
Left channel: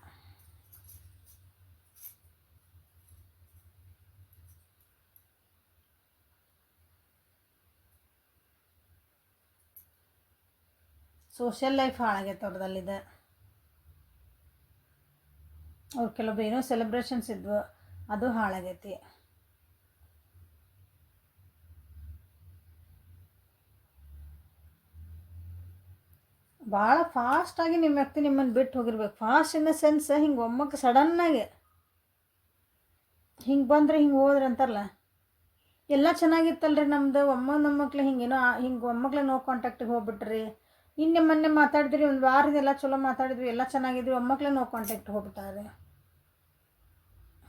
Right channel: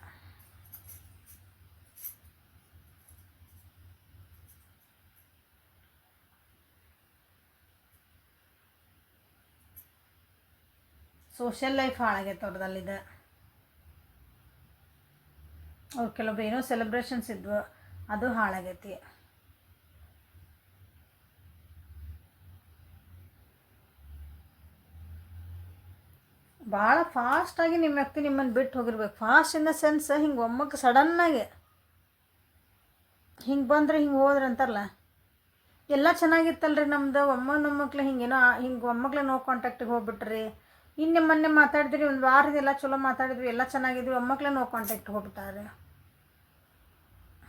ಸೋಷಿಯಲ್ ಲೈಫ್ ಹಾಳಾಗೈತೆ ಅವ್ರದಲ್ಲಿದೆ. ಅವ್ರು ಕೆಲವೊಬ್ರು ಏನೋ ಸೆಲೆಬ್ರೇಷನ್ಸ್ ಇದ್ವು, ಅದು ಹಾಳಾಗೈತಿ. ಭಾಳ ಫಾಸ್ಟಾಗಿ ನಿಮ್ಮ ವ್ಯಕ್ತಿ ನಿಮ್ಮನ್ನು ಬಿಟ್ಟು ಹೋಗಿರ್ಬೇಕು. ಫಾಸ್ಟ್ ಇನ್ ದ ಸೆನ್ಸ್ ಹಿಂಗೆ ಒಮ್ಮಕ್ಕೆ ಸಡನ್ನಾಗಿ ಹಿಂಗೆ ಬಂದರೆ ಹಿಂಗೆ ಹೋದ್ರೆ ಅಂತಾರಲ್ಲ, ಎಲ್ಲ ಚೆನ್ನಾಗಿತ್ತಲ್ರಿ ನಮ್ಮದು, ಒಮ್ಮಕ್ಳು ಹಿಂಗೇನೋ ಹಿಂಗೆ ಒಮ್ಮಕ್ಳು ನೋ ಕಾಂಟ್ಯಾಕ್ಟಿಗೆ ಹೋಗ್ಬಿಟ್ರಿ. ಇನ್ನು ಮೊನ್ನೆ ಮಾತಾಡಿದ್ರಿ, ಒಂದು ವಾರದೆಲ್ಲ ಚಲೋ ಮಾತಾಡಿದ್ವಿ, ಎಲ್ಲ ಚೆನ್ನಾಗಿದ್ವಿ, ಒಮ್ಮಕ್ಳು ನೋ ಕಾಂಟ್ಯಾಕ್ಟ್ ಹೋಗ್ಬಿಟ್ಟಾರೆ.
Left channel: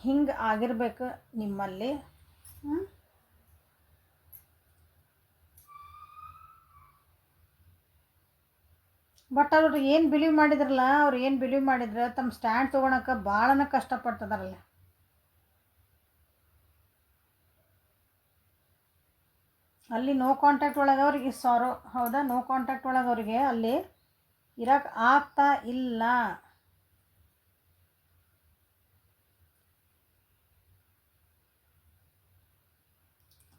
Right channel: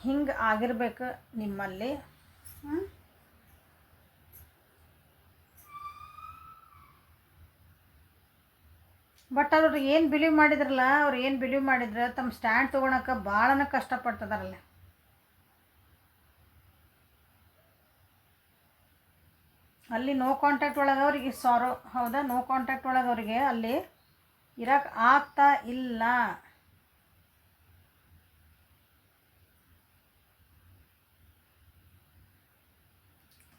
ಹಿಂಗೆ ಆಗಿರ್ಬೇಕು ನಿಮ್ಮಲ್ಲಿ. ಬಟ್ ಅವ್ರು ಏನು ಬಿಲೀವ್ ಮಾಡಿದ್ರಲ್ಲ, ಅವ್ರು ಏನು ಬಿಲೀವ್ ಮಾಡಿದ್ರೆ ತಮ್ಮ ಸ್ಟ್ಯಾಂಡ್ ತೊಗೊಳಕ್ಕೆ ಭಾಳನ ಕಷ್ಟಪಡ್ತದಾರಲ್ಲ. ಅಲ್ಲಿ ನೋ ಕಾಂಟ್ಯಾಕ್ಟ್ ಒಳಗೆ ಅವ್ರಿಗೆ ಹೌದಾ, ನೋ ಕಾಂಟ್ಯಾಕ್ಟ್ ಒಳಗೆ ಅವ್ರಿಗೆ ಅಲ್ಲಿ ಇರೋಕ್ಕೆ ಆಗ್ತಾ ಇಲ್ಲ.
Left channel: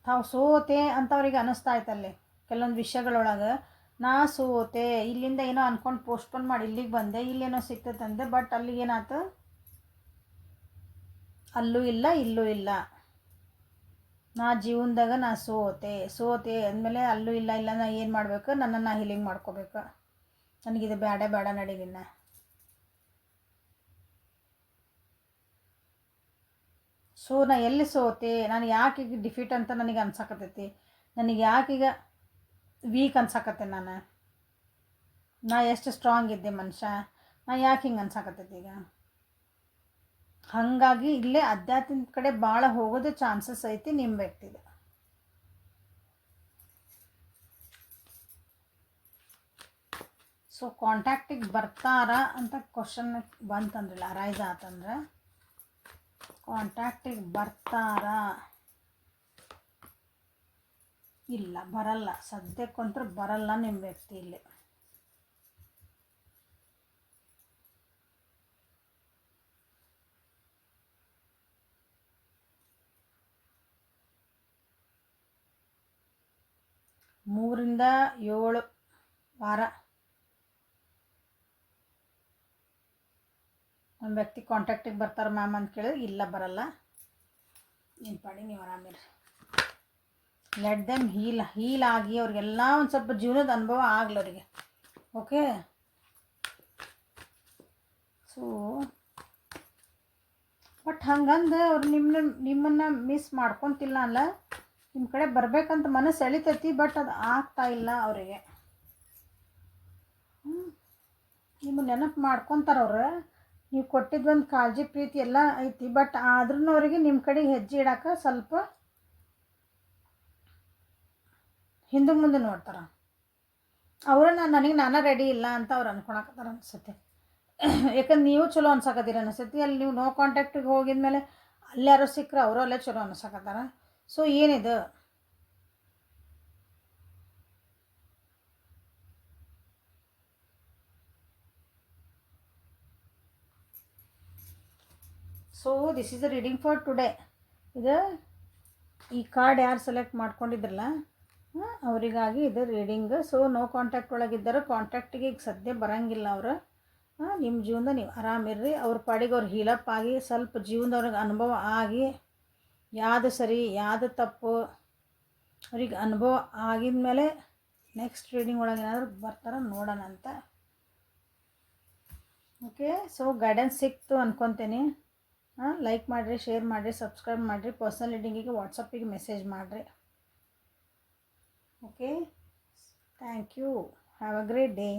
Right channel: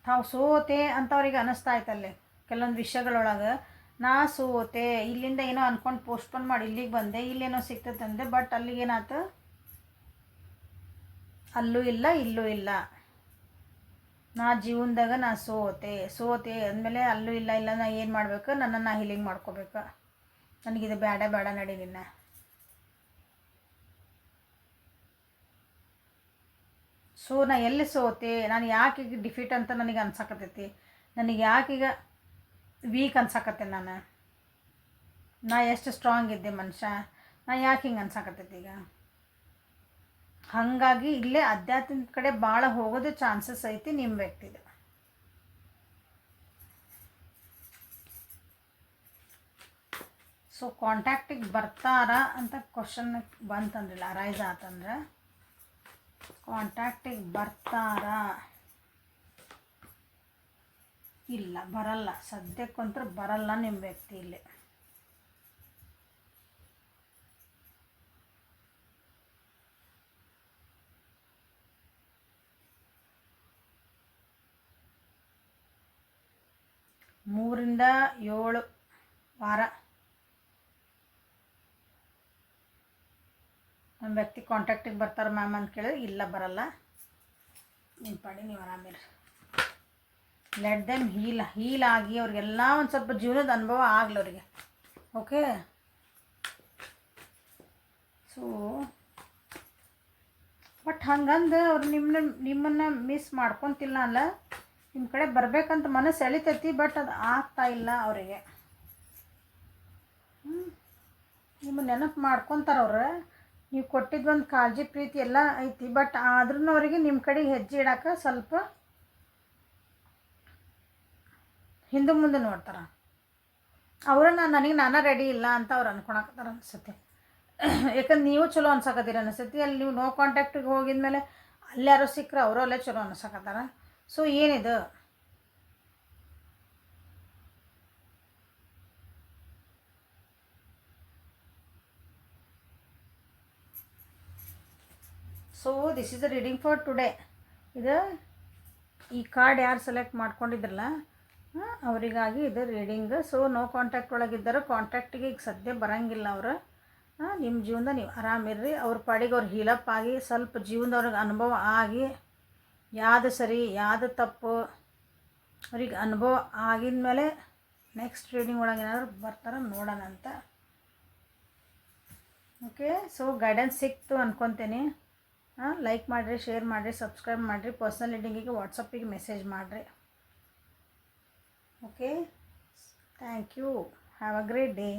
ತಾವು ಸೋತೆ ಅಂತ ಅವ್ರಿಗೆ ಅನ್ನಿಸ್ತಾ ಇತ್ತಲ್ಲಿ ಕೆಲವೊಂದು ವಿಷಯಗಳೊಳಗೆ. ನಾ ಸೋತೆ, ಇಲ್ಲಿಂದ ಏನೋ ಅಂದ್ಕೊಂಡು ಪೋಸ್ಟ್ಪೋನ್ ಮಾಡಿ ಇಲ್ಲಿಗೆ ಬಂದೆ, ಇಲ್ಲೇನೋ ಸಿಗ್ತದಂದೆ. ಬಟ್ ಅಲ್ಲಿಗೇನಾಯ್ತು, ಅಲ್ಲೂ ಇಲ್ಲ ಇಲ್ಲೂ ಇಲ್ಲ. ನಾ ಜೀವನದಾಗ ನಾ ಸೋತೆ ಅಂದಮೇಲೆ ಅಲ್ಲೂ ಇಲ್ಲ ನಾ ಏನು ಮಾಡಬೇಕು, ನನ್ನನ್ನು ಹೀಲಿಂಗ್ ಮಾಡ್ಕೋಬೇಕು. ನನಗಿದು ಬೇಡ ನಡಿ ನಿನ್ನ. ಸೊ ನಾ ಎಲ್ಲಿ ಸೋತೆ, ನಾನು ಯಾಕೆ ಈಗ ಡಿಫೀಟ್ ಅಂತ ನನಗೆ ಅನ್ಸಕತ್ತೈತಿ, ನನಗೆ ಯಾಕೀಗ ವೀಕ್ ಅನ್ಸಕತ್ತೆ, ನಾ ಎಷ್ಟು ಸ್ಟ್ರಾಂಗ್ ಇದ್ದೆ ಮನುಷ್ಯ, ನಾ ಯಾಕೆ ಹಿಂಗೆ ಅನ್ಸಕತ್ತೈತಿ ಈಗ. ಹಾಗಾಗಿ ಇಲ್ಲೇ ಅಧ್ಯಾತ್ಮದ ಕಡೆ ಭಾಳ ಹೋಗೋದು ಚಾನ್ಸಸ್ ಐತಿ ನಿಮ್ಮ ವ್ಯಕ್ತಿದ. ಸೊ ಕಾಂಟ್ಯಾಕ್ಟಿಗೆ ಬರ್ತಾರಾ ಅಂತ ಕ್ವಶನ್ ಬಂತಂದ್ರಲ್ಲ, ಅರೈಸ್ ಆತಂದ್ರೆ ಕಾಂಟ್ಯಾಕ್ಟಿಗೆ ಬರ್ತಾರಾ? ಇಲ್ಲ, ಬರಲ್ಲ. ಸದ್ಯಕ್ಕಂತೂ ಬರಲ್ಲ ನಿಮ್ಮ ವ್ಯಕ್ತಿ ಇಲ್ಲಿ. ಮೂರಿಂದ 7 ವಾರ ನಮ್ಮ ವ್ಯಕ್ತಿ ಕಾಂಟ್ಯಾಕ್ಟಿಗೆ ಬರ್ತಾರೆ ಮ್ಯಾಮ್ ಅಂತ ಕೇಳಿದ್ರೆ ಇಲ್ಲ, ಬರಲ್ಲ. ನಿಮ್ಮ ಪಾಡಿ ನೀವು ಆರಾಮಿರಿ. ಲೆಟ್ ದೆಮ್ ಹೀಲ್ ಆಗಿ ಅವ್ರಿಗೆಲ್ಲ ಒಂದು ಸ್ವಲ್ಪ ಜೀವನದ ಅನುಭವ ಆಗಲಿ ಅವರಿಗೆ. ಓಕೆ, ಸೊ ಬಟ್ ಹಂಗಂದು ಅವ್ರು ನಿಮ್ಮನ್ನು ಮಿಸ್ ಮಾಡ್ಕೊತಿಲ್ಲ ಅಲ್ಲ, ನಿಮ್ಮ ಕಡೆ ಬರಬೇಕಂತ ಮನಸ್ಸು ಎಳಿತೈತಿ. ಬಟ್ ಅದು ಆಗ್ತಾ ಇಲ್ಲ ಅವರಿಗೆ. ನಿಮ್ಮ ನೆನಪು ಮಾಡ್ಕೊತಾರವ್ರು, ನೀವು ಕೊಟ್ಟಿದ್ದು ಒಂದು ಕಾಳಜಿ ಪ್ರೀತಿ ಎಲ್ಲ ಐತಿ. ಬಟ್ ಆದ್ರೂ ಅವರಿಗೆ ನಿಮ್ಮ ಕಡೆಗೆ ಹೆಜ್ಜೆ ಇಡೋಕೆ ಸ್ವಲ್ಪ ಹಿಂದೆ ಮುಂದೆ ನೋಡ್ತಾರೆ. ನನಗೆ ನಾನೇ ರೆಡಿ ಇಲ್ಲ ಅಂತ ಅವ್ರು ಅನ್ಕೊಳಕತ್ತಾರ ಅನಿಸುತ್ತೆ. ಯಾಕಂದ್ರೆ ನೀವು ಚಲೋ ಅನ್ಸಕತ್ತೀರ ಅನಿಸುತ್ತೆ. ಅಲ್ಲಿ ನೀವು ನೋ ಕಾಂಟ್ಯಾಕ್ಟಿಗೆ ಹೋಗಿದ್ಮೇಲೆ ಅಲ್ಲಿ ಯಾರೋ ಸಿಕ್ಕರೆ ಅವರು ಅಲ್ಲೇ ಚಲೋ ಅನ್ಸಕತ್ತಾರ. ಸೊ ಏನಿದು, so this is the reading for today. ಇದು ಈ ಕಾರ್ಡ್ ಯಾರು ಸೆಲೆಕ್ಟ್ ಮಾಡ್ಕೊಂಡಿದ್ರಲ್ಲ ಅವರಿಗಾಗಿ ಇದು ರೀಡಿಂಗ್. ಸೊ ನೋ ಕಾಂಟ್ಯಾಕ್ಟ್ ಒಳಗಿದ್ದರೆ ಕಾಂಟ್ಯಾಕ್ಟಿಗೆ ಈಗ ಸದ್ಯ ಬರೋಂಗಿಲ್ಲ ಅವರು. ನಿಮ್ಮ ಜೀವನದ ನೀವು ಆರಾಮಿರ್ರಿ. ಅವ್ರ ಪಾಡಿಗೆ ಅವ್ರು ಹೀಲಪ್ ಆಗಿ ಸ್ವಲ್ಪ ಜೀವನದವ್ರಿಗೆ ಅನುಭವ ಆಗಿ ಯಾವುದು ಸರಿ ಯಾವುದು ತಪ್ಪು ಅವ್ರಿಗೆ ಅನುಭವ ಆಗಿದ ಮೇಲೆ ನೆಕ್ಸ್ಟ್ ರೀಡಿಂಗ್ ಒಳಗೆ ಏನಾದರೂ ಬರ್ತಾರ ನೋಡೋಣ ಅಂತ. ಓಕೆ, ಸೊ ಗೈಡೆನ್ಸ್ ಸಿಕ್ತು ಅಂದ್ಕೊತೀನಿ. ಲೈಕ್ ಮಾಡಿರಿ, ಶೇರ್ ಮಾಡಿರಿ, ಸಬ್ಸ್ಕ್ರೈಬ್ ಮಾಡಿರಿ. ಪರ್ಸ್ನಲ್ ರೀಡಿಂಗಿಗೆ ವಾಟ್ಸಪ್ಪಿಗೆ ಮೆಸೇಜ್ ಮಾಡಿರಿ. Okay, thank you. Have a great day.